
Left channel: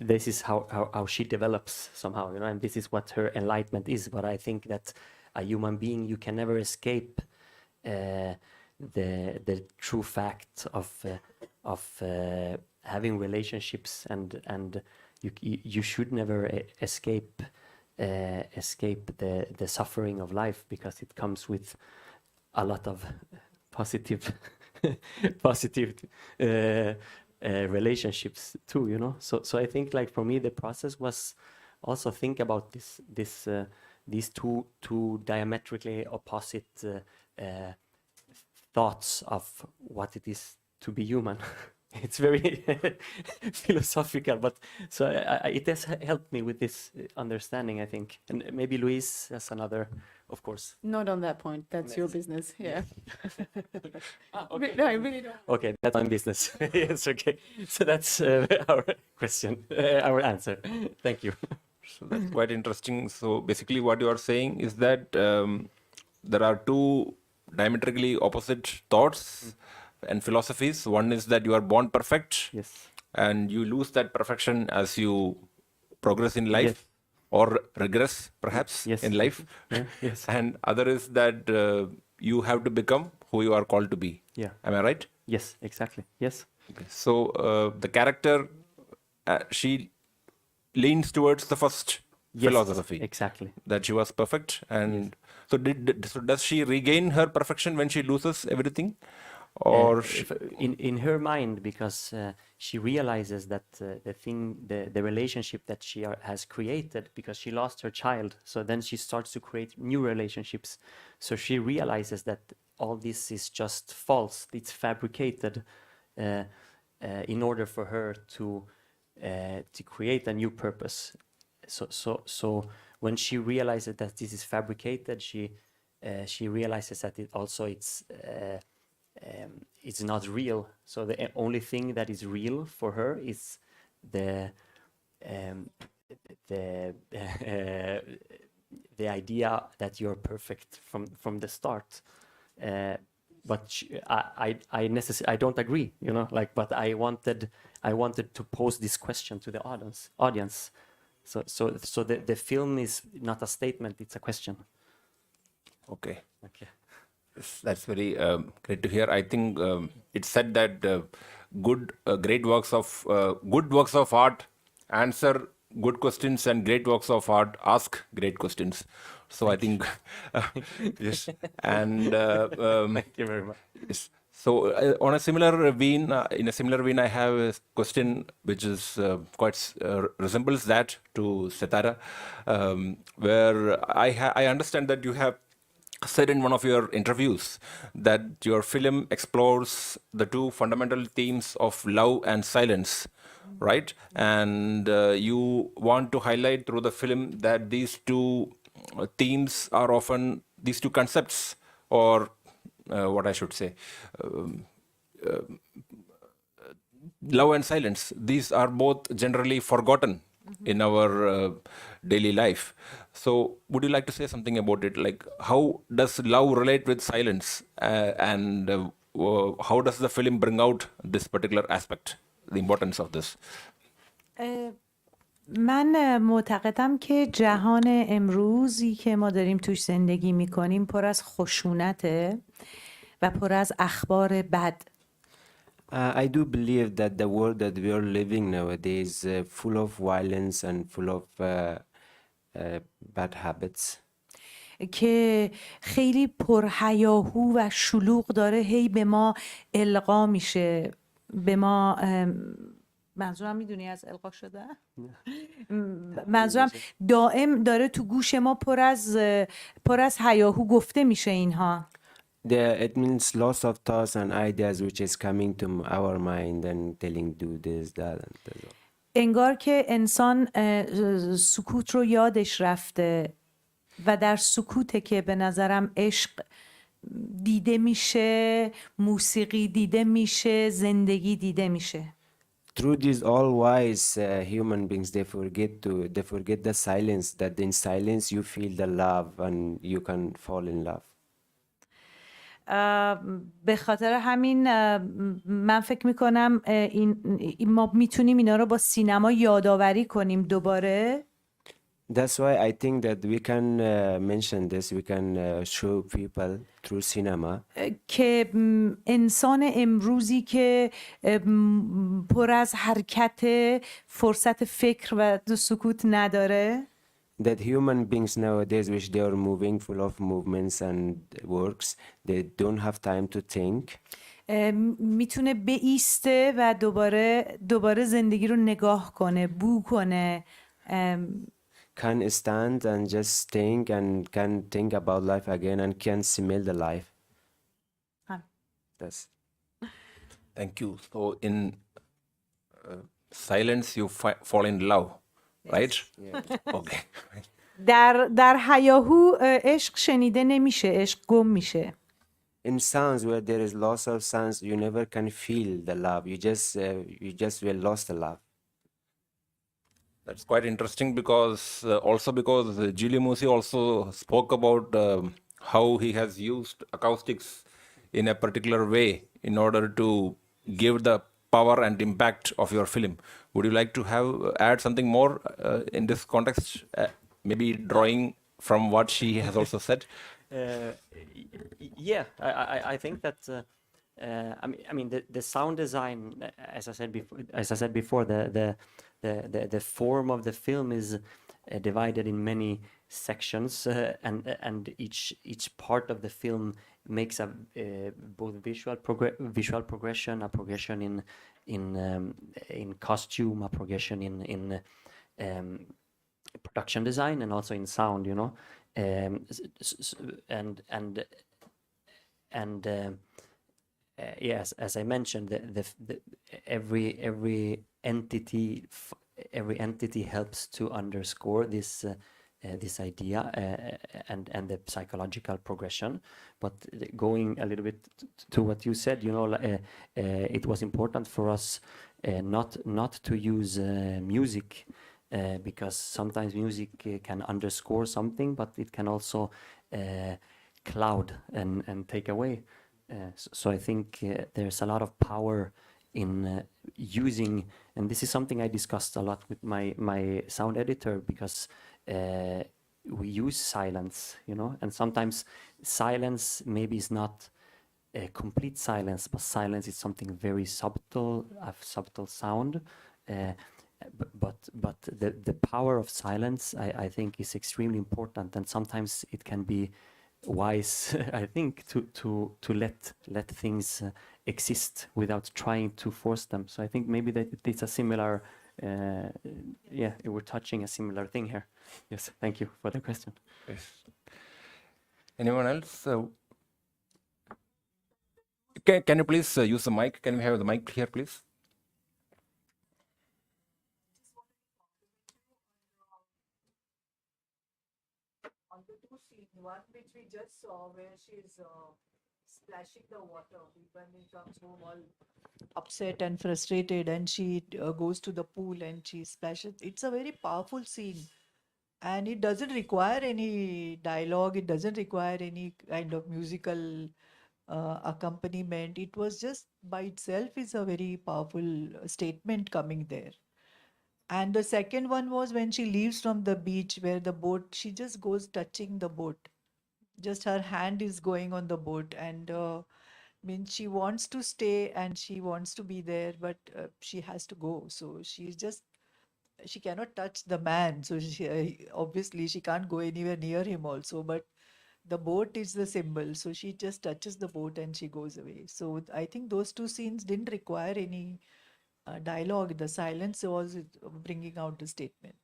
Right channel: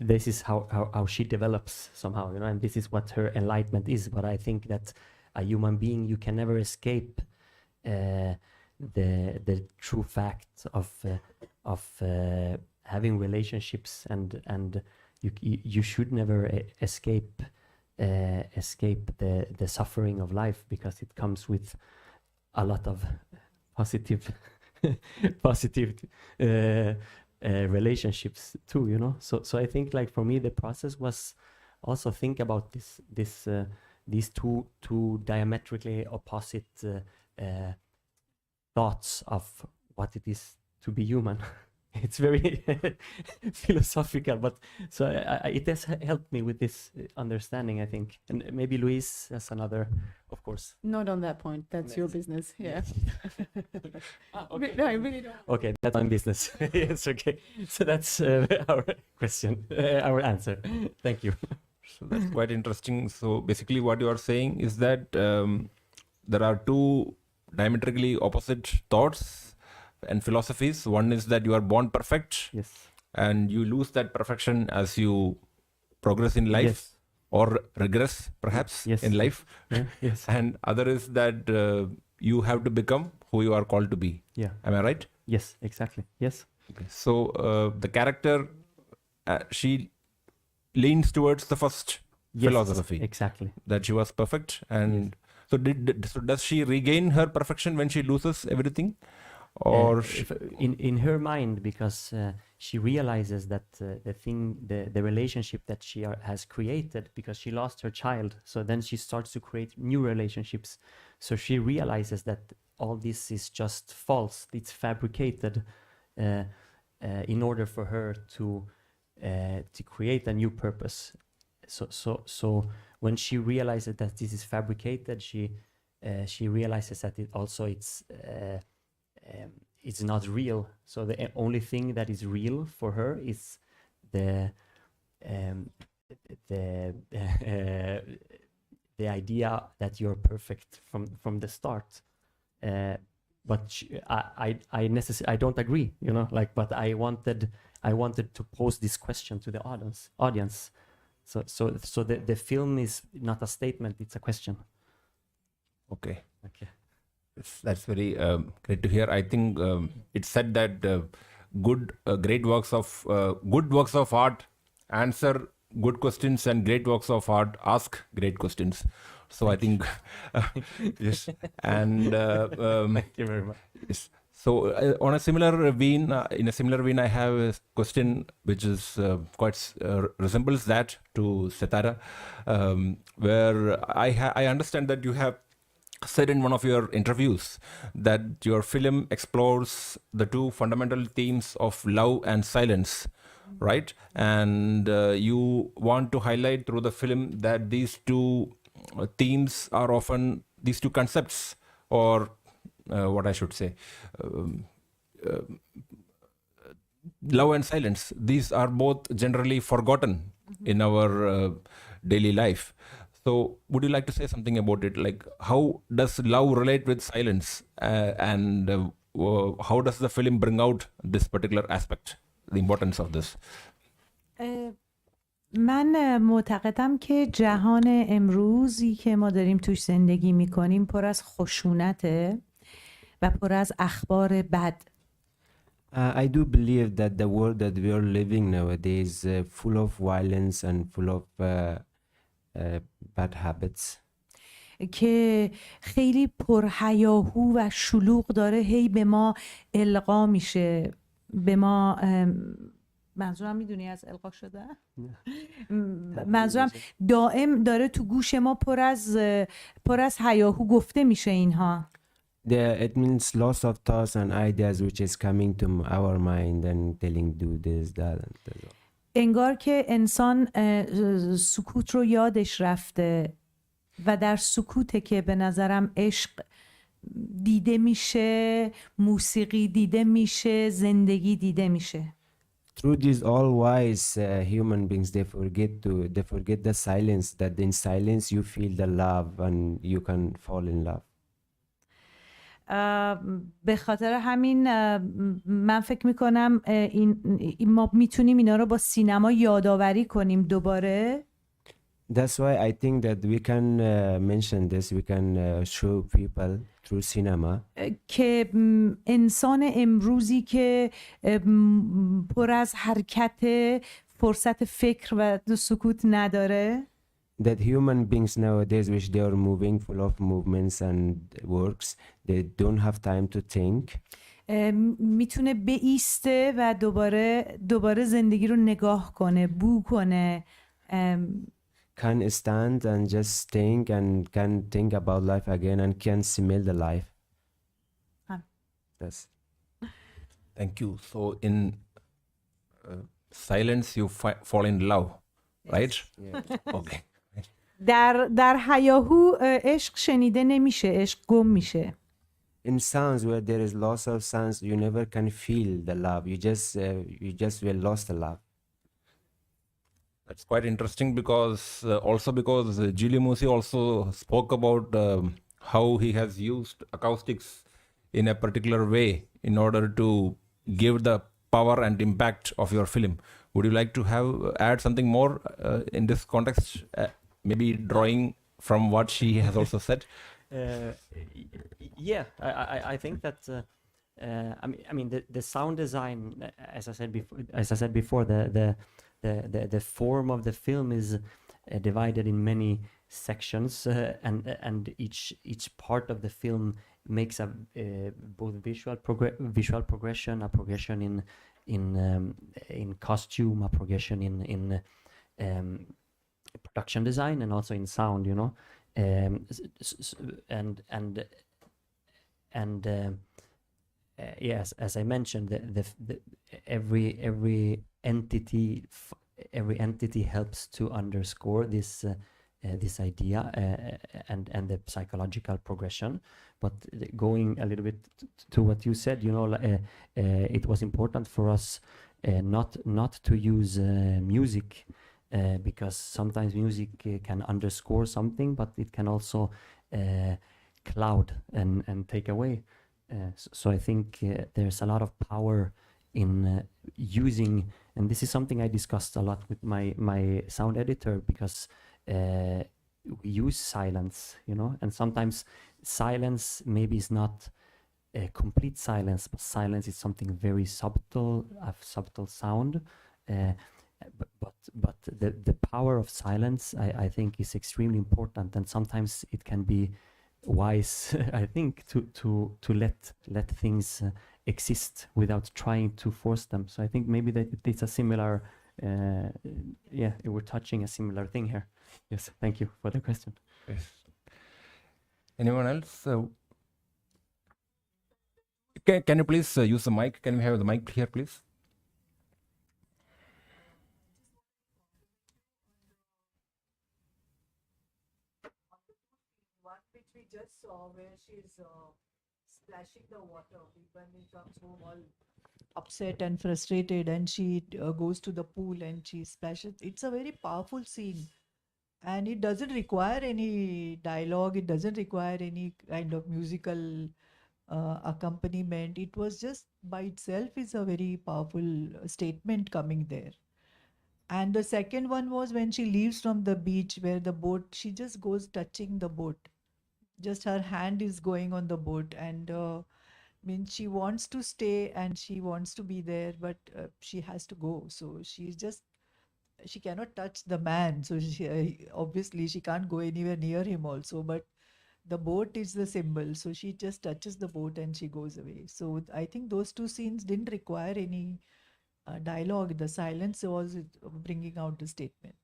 this is how she develops somehow, you know, and this is what her enlightenment is. But I think that a human being, you can never escape the true fact of having relationships, and you should never escape the suffering of life, because it comes with a lot of positive relationships too, you know. So I think, like, for me, the process was also think about these two diametrically opposite thoughts of what it is to be human. It's very philosophical, but so it has helped me with this understanding, I think. And maybe Louise has another, of course. Not on that point. That's your business. Yeah. Okay. No, I really don't. Okay, that's my business. Yes, okay. So that's our question, our answer. Thank you. So that's quite interesting. So basically, what you are saying is that there are two diametrically opposite thoughts and philosophies. One is that you are born perfect, Yes. and you lose that perfection as you progress in life, Yes. or regress perhaps Yes. in life. Yeah. Yes. And other is that you have to become who you are called to be. Yeah. Am I right? Yes. Exactly. Yes. Okay. So the character, she leans towards the first Yes. philosophy, Exactly. that she was perfect. And so does she regain her perfection when she loses everything, or in her mind, because she realizes that the relationship that she has created, because she lost her child, so then she starts to create new relationships. So she realizes that all this is just false, it's fabricated, in order for her to create a new purpose. So when she realizes that this is fabricated, she realizes that it's not real. So the only thing that is real for her is the idea that you're perfect from the start. But I don't agree, you know, like, but I wanted to pose this question to the audience. So the film is not a statement, it's a question. okay? Okay. That's very great to hear. I think it's said that great works of good works of art answer good questions, and great works of art ask great questions. So I think yes, and Thank you very much. yes. So on a similar vein, in a similar vein, I have a question which is quite resembles that to Setareh, where I understand that you have said in one of your interviews that your film explores the two fundamental themes of love and silence, right? And you want to highlight through the film that these two themes are often, these two concepts, or what I should say, um, love and silence, these are both generally forgotten in our daily life. So would you like to say something about it, like how does love relate with silence, and how does the film bring out this particular aspect, the importance of this? من معتقدم که جهان امروزی که ما داریم توش زندگی میکنیم پر از خشونته و پر از اخبار بد. I do believe that the world that we are living nowadays full of violence and full of bad habits. که خیلی پرهیاهو و شلوغ داره هی به ما القا میشه، به ما منظورم میدونی از القا شده؟ منظورم دائم داره تو گوش ما پر از هیاهو گفته میشه اینها. It means lots of thoughts and ideas which is coming to our mind and telling do this, that and that. انگار که انسان سکوت رو یادش رفته و در سکوته که به نظرم عشق دیده میشه، موسیقی دیده میشه، زندگی دیده میشه. Through these all wise human beings, they forget the silence, that in silence you feel the love and you can fall in love. به خاطر همین من فکر میکنم ما میتونیم اینا رو با سینما یادآوری کنیم دوباره. That's why I think that we can mention this, we can show people through cinema. که انسان امروزی که پر از حرکت، فرصت فکر و سکوت نداره. That human beings nowadays, which they are moving, full of movements and works, they don't have time to think. میتونه بایسته و دوباره زندگی رو نگاه کنه، بو کنه. Can stand and just think and can think about life again and can smell the life. That's. Thank you. So in silence you fall in love, right? Yeah. Okay. در هیاهو عشق شنیده نمیشه، عشق گم میشه. In sounds where there is loss of sounds, you never can feel the love. You just will lost the love. That's quite interesting because Giulio Musi also spoke about how he has used acoustics in a particular way in order to give the power and impact of your film. Would you like to add something more in this context? Maybe drawing from what she has also said. Yeah, I think that I mean the sound design, as I said before, the form of the film is divided in many sections, and each part of the film makes a both visual progression, a progression in costume, a progression in production design, and also in sound, you know. Yes, as I mentioned, every entity helps to underscore this idea and the psychological progression. But going a little bit to what you said, you know, it was important for us not to use music. Because sometimes music can underscore something, but it can also cloud and take away. So I think there's a lot of power in using, and this is something I discussed a lot with my sound editor, because we use silence, you know, and sometimes silence maybe is not a complete silence, but silence is something very subtle, a subtle sound. Uh, but the power of silence, I think, is extremely important, and sometimes it can be wise, I think, to let things exist without trying to force them. So I think maybe that it's a similar, yeah, we're touching a similar thing here. Yes, thank you for the question. Yes. Anyone else? Can you please use the mic? Can we have the mic here, please? On the two scenes, one which we just saw where she's splashing the water when he comes home all upset and frustrated, and she goes to the pool and she splashes. It's a very powerful scene, and it doesn't require any dialogue. It doesn't require any kind of musical accompaniment. It was just by itself is a very powerful statement coming there. And the second one was when she leaves from the beach where the boat, she just goes touching the boat. Just her hand is going on the boat, and means she wants to stay and she wants to be there, but she has to go. So she's just, she cannot touch the man. So she, obviously she can't go anywhere near him also, but the boat is the symbol. So she just touches the boat and she goes away. So I think those two scenes didn't require any dialogue. The silence was bringing out the statement.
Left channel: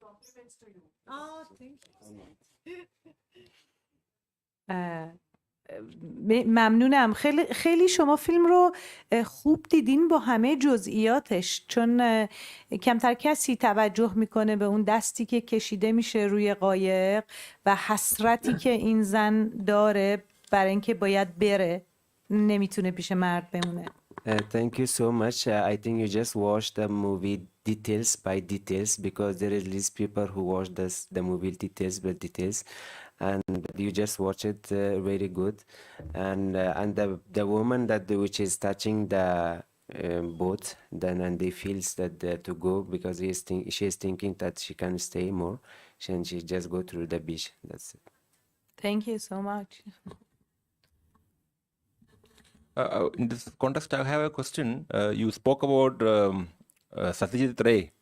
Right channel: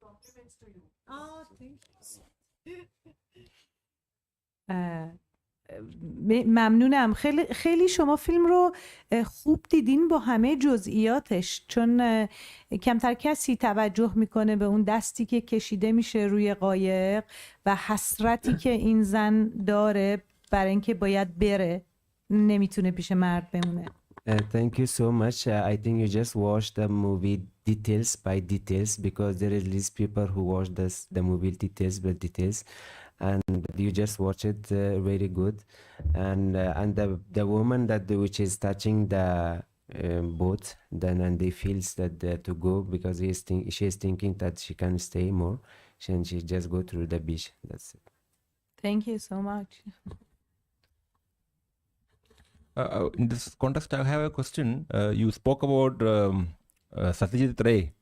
Compliments to you. Oh, thank ممنونم. خیلی شما فیلم رو خوب دیدین با همه جزئیاتش، چون کمتر کسی توجه میکنه به اون دستی که کشیده میشه روی قایق و حسرتی که این زن داره برای اینکه باید بره، نمیتونه پیش مرد بمونه. Thank you so much. I think you just watched the movie details by details, because there is these people who watch the movie details by details, and you just watch it very good. And the woman that which is touching the boat, then and they feels that to go, because she is thinking that she can stay more, and she just go through the beach. That's it. Thank you so much. In this context, I have a question. You spoke about Satyajit Ray,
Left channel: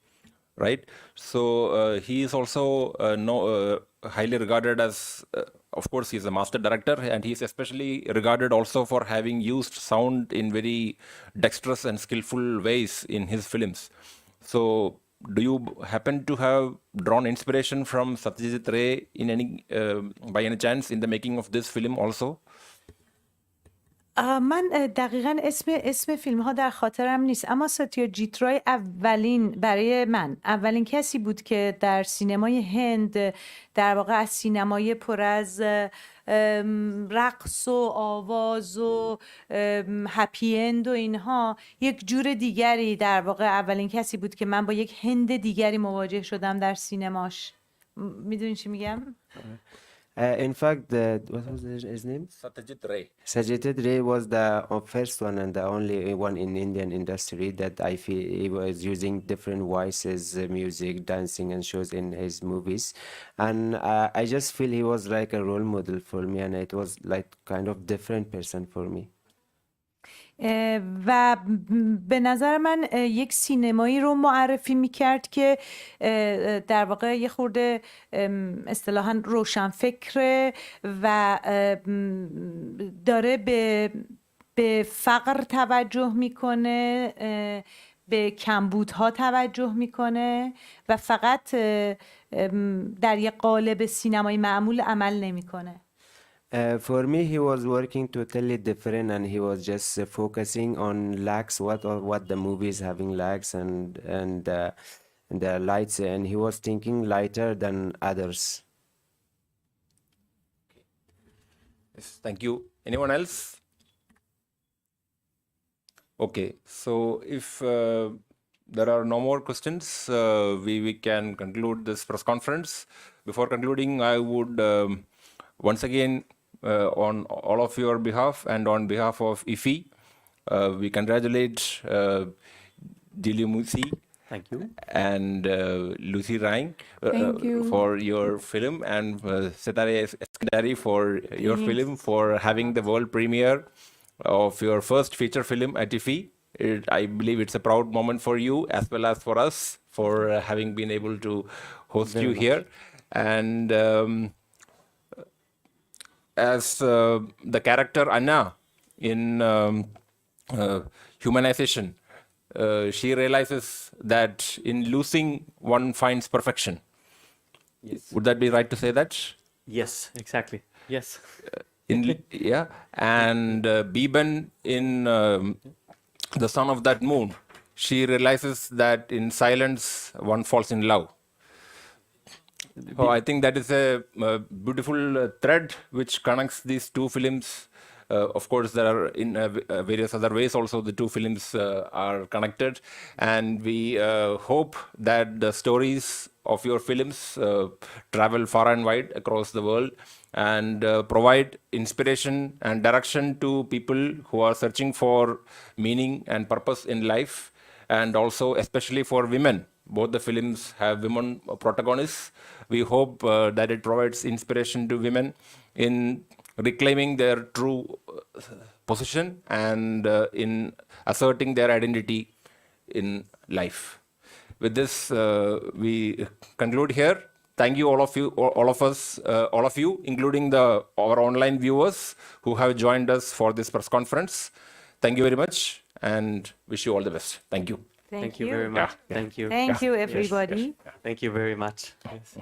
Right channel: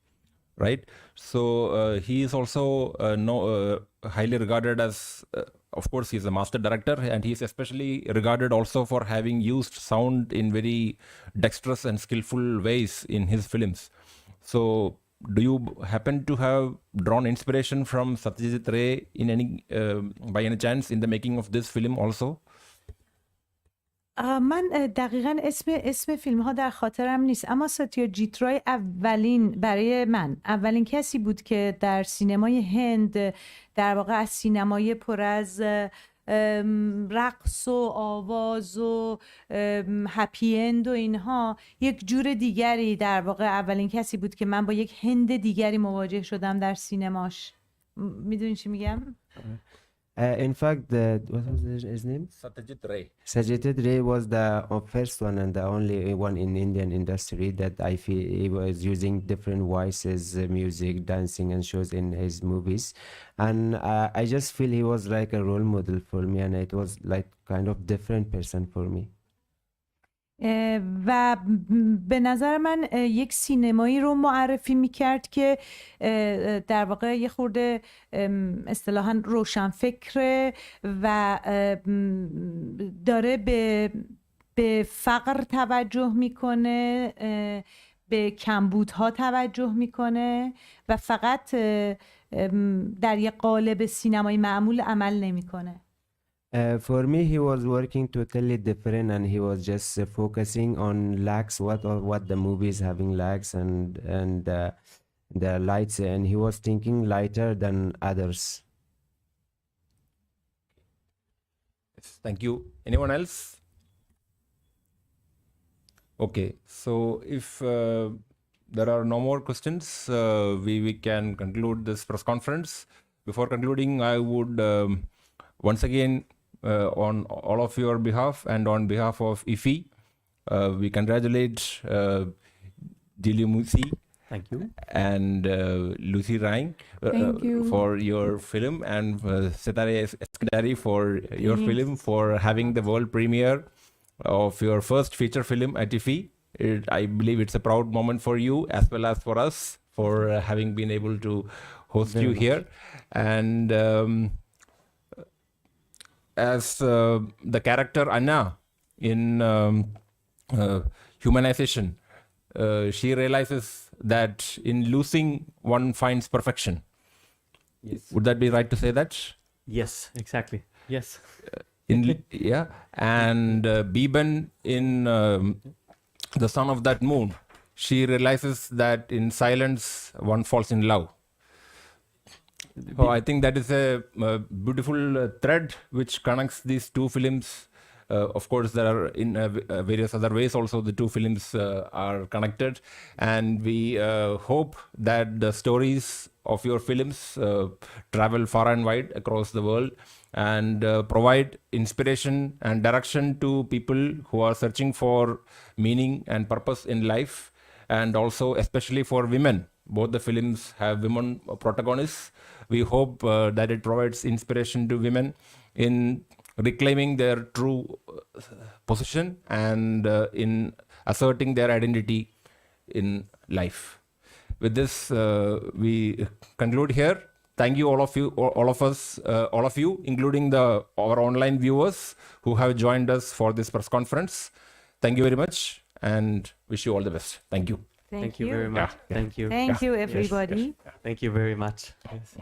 right? So he is also highly regarded as, of course, he's a master director, and he's especially regarded also for having used sound in very dexterous and skillful ways in his films. So do you happen to have drawn inspiration from Satyajit Ray in any, by any chance, in the making of this film also? من دقیقا اسم فیلم ها در خاطرم نیست، اما ستیاجیت رای برای من اولین کسی بود که در سینمای هند، در واقع از سینمای پر از رقص و آواز و هپی اند و اینها یک جور دیگری، در واقع اولین کسی بود که من با یک هند دیگری مواجه شدم در سینماش. میدونی چی میگم؟ In fact, what was his name? Satyajit Ray. Satyajit Ray was the first one and the only one in Indian industry that I feel he was using different voices, music, dancing, and shows in his movies. And I just feel he was like a role model for me, and it was like kind of different person for me. و به نظر من یک سینمایی رو معرفی میکرد که در واقع یه خورده اصطلاحاً روشنفکره و داره به فقر توجه میکنه، به کمبودها توجه میکنه و فقط در یک قالب سینمایی معمول عمل نمیکنه. For me, he was working totally different, and he was just focusing on lags, what the movie is having lags and the lights, and he was thinking lighter than others. Yes, thank you. Anyone else? Okay, so if there are no more questions, we can conclude this press conference. Before concluding, I would once again, on all of your behalf and on behalf of IFFI, we congratulate Giulio Musi Thank you. and Lucy Rime Thank you. for your film, and Setareh Eskandari for your film, for having the world premiere of your first feature film at IFFI. I believe it's a proud moment for you as well as for us for having been able to host Very you much. here. And as the character Anna in Humanization, she realizes that in losing one finds perfection. Yes. Would that be right to say that? Yes, exactly. Yes. Yeah. And Biban in The Son of That Moon, she realizes that in silence one falls in love. Oh, I think that is a beautiful thread which connects these two films. Of course, there are in various other ways also the two films are connected, and we hope that the stories of your films travel far and wide across the world and provide inspiration and direction to people who are searching for meaning and purpose in life, and also especially for women. Both the films have women protagonists. We hope that it provides inspiration to women in reclaiming their true position and in asserting their identity in life. With this, we conclude here. Thank you, all of you, all of us, all of you, including our online viewers who have joined us for this press conference. Thank you very much, and wish you all the best. Thank you. Thank you very much. Thank you. Thank you, Yes, yes. everybody. Thank you very much. Yes.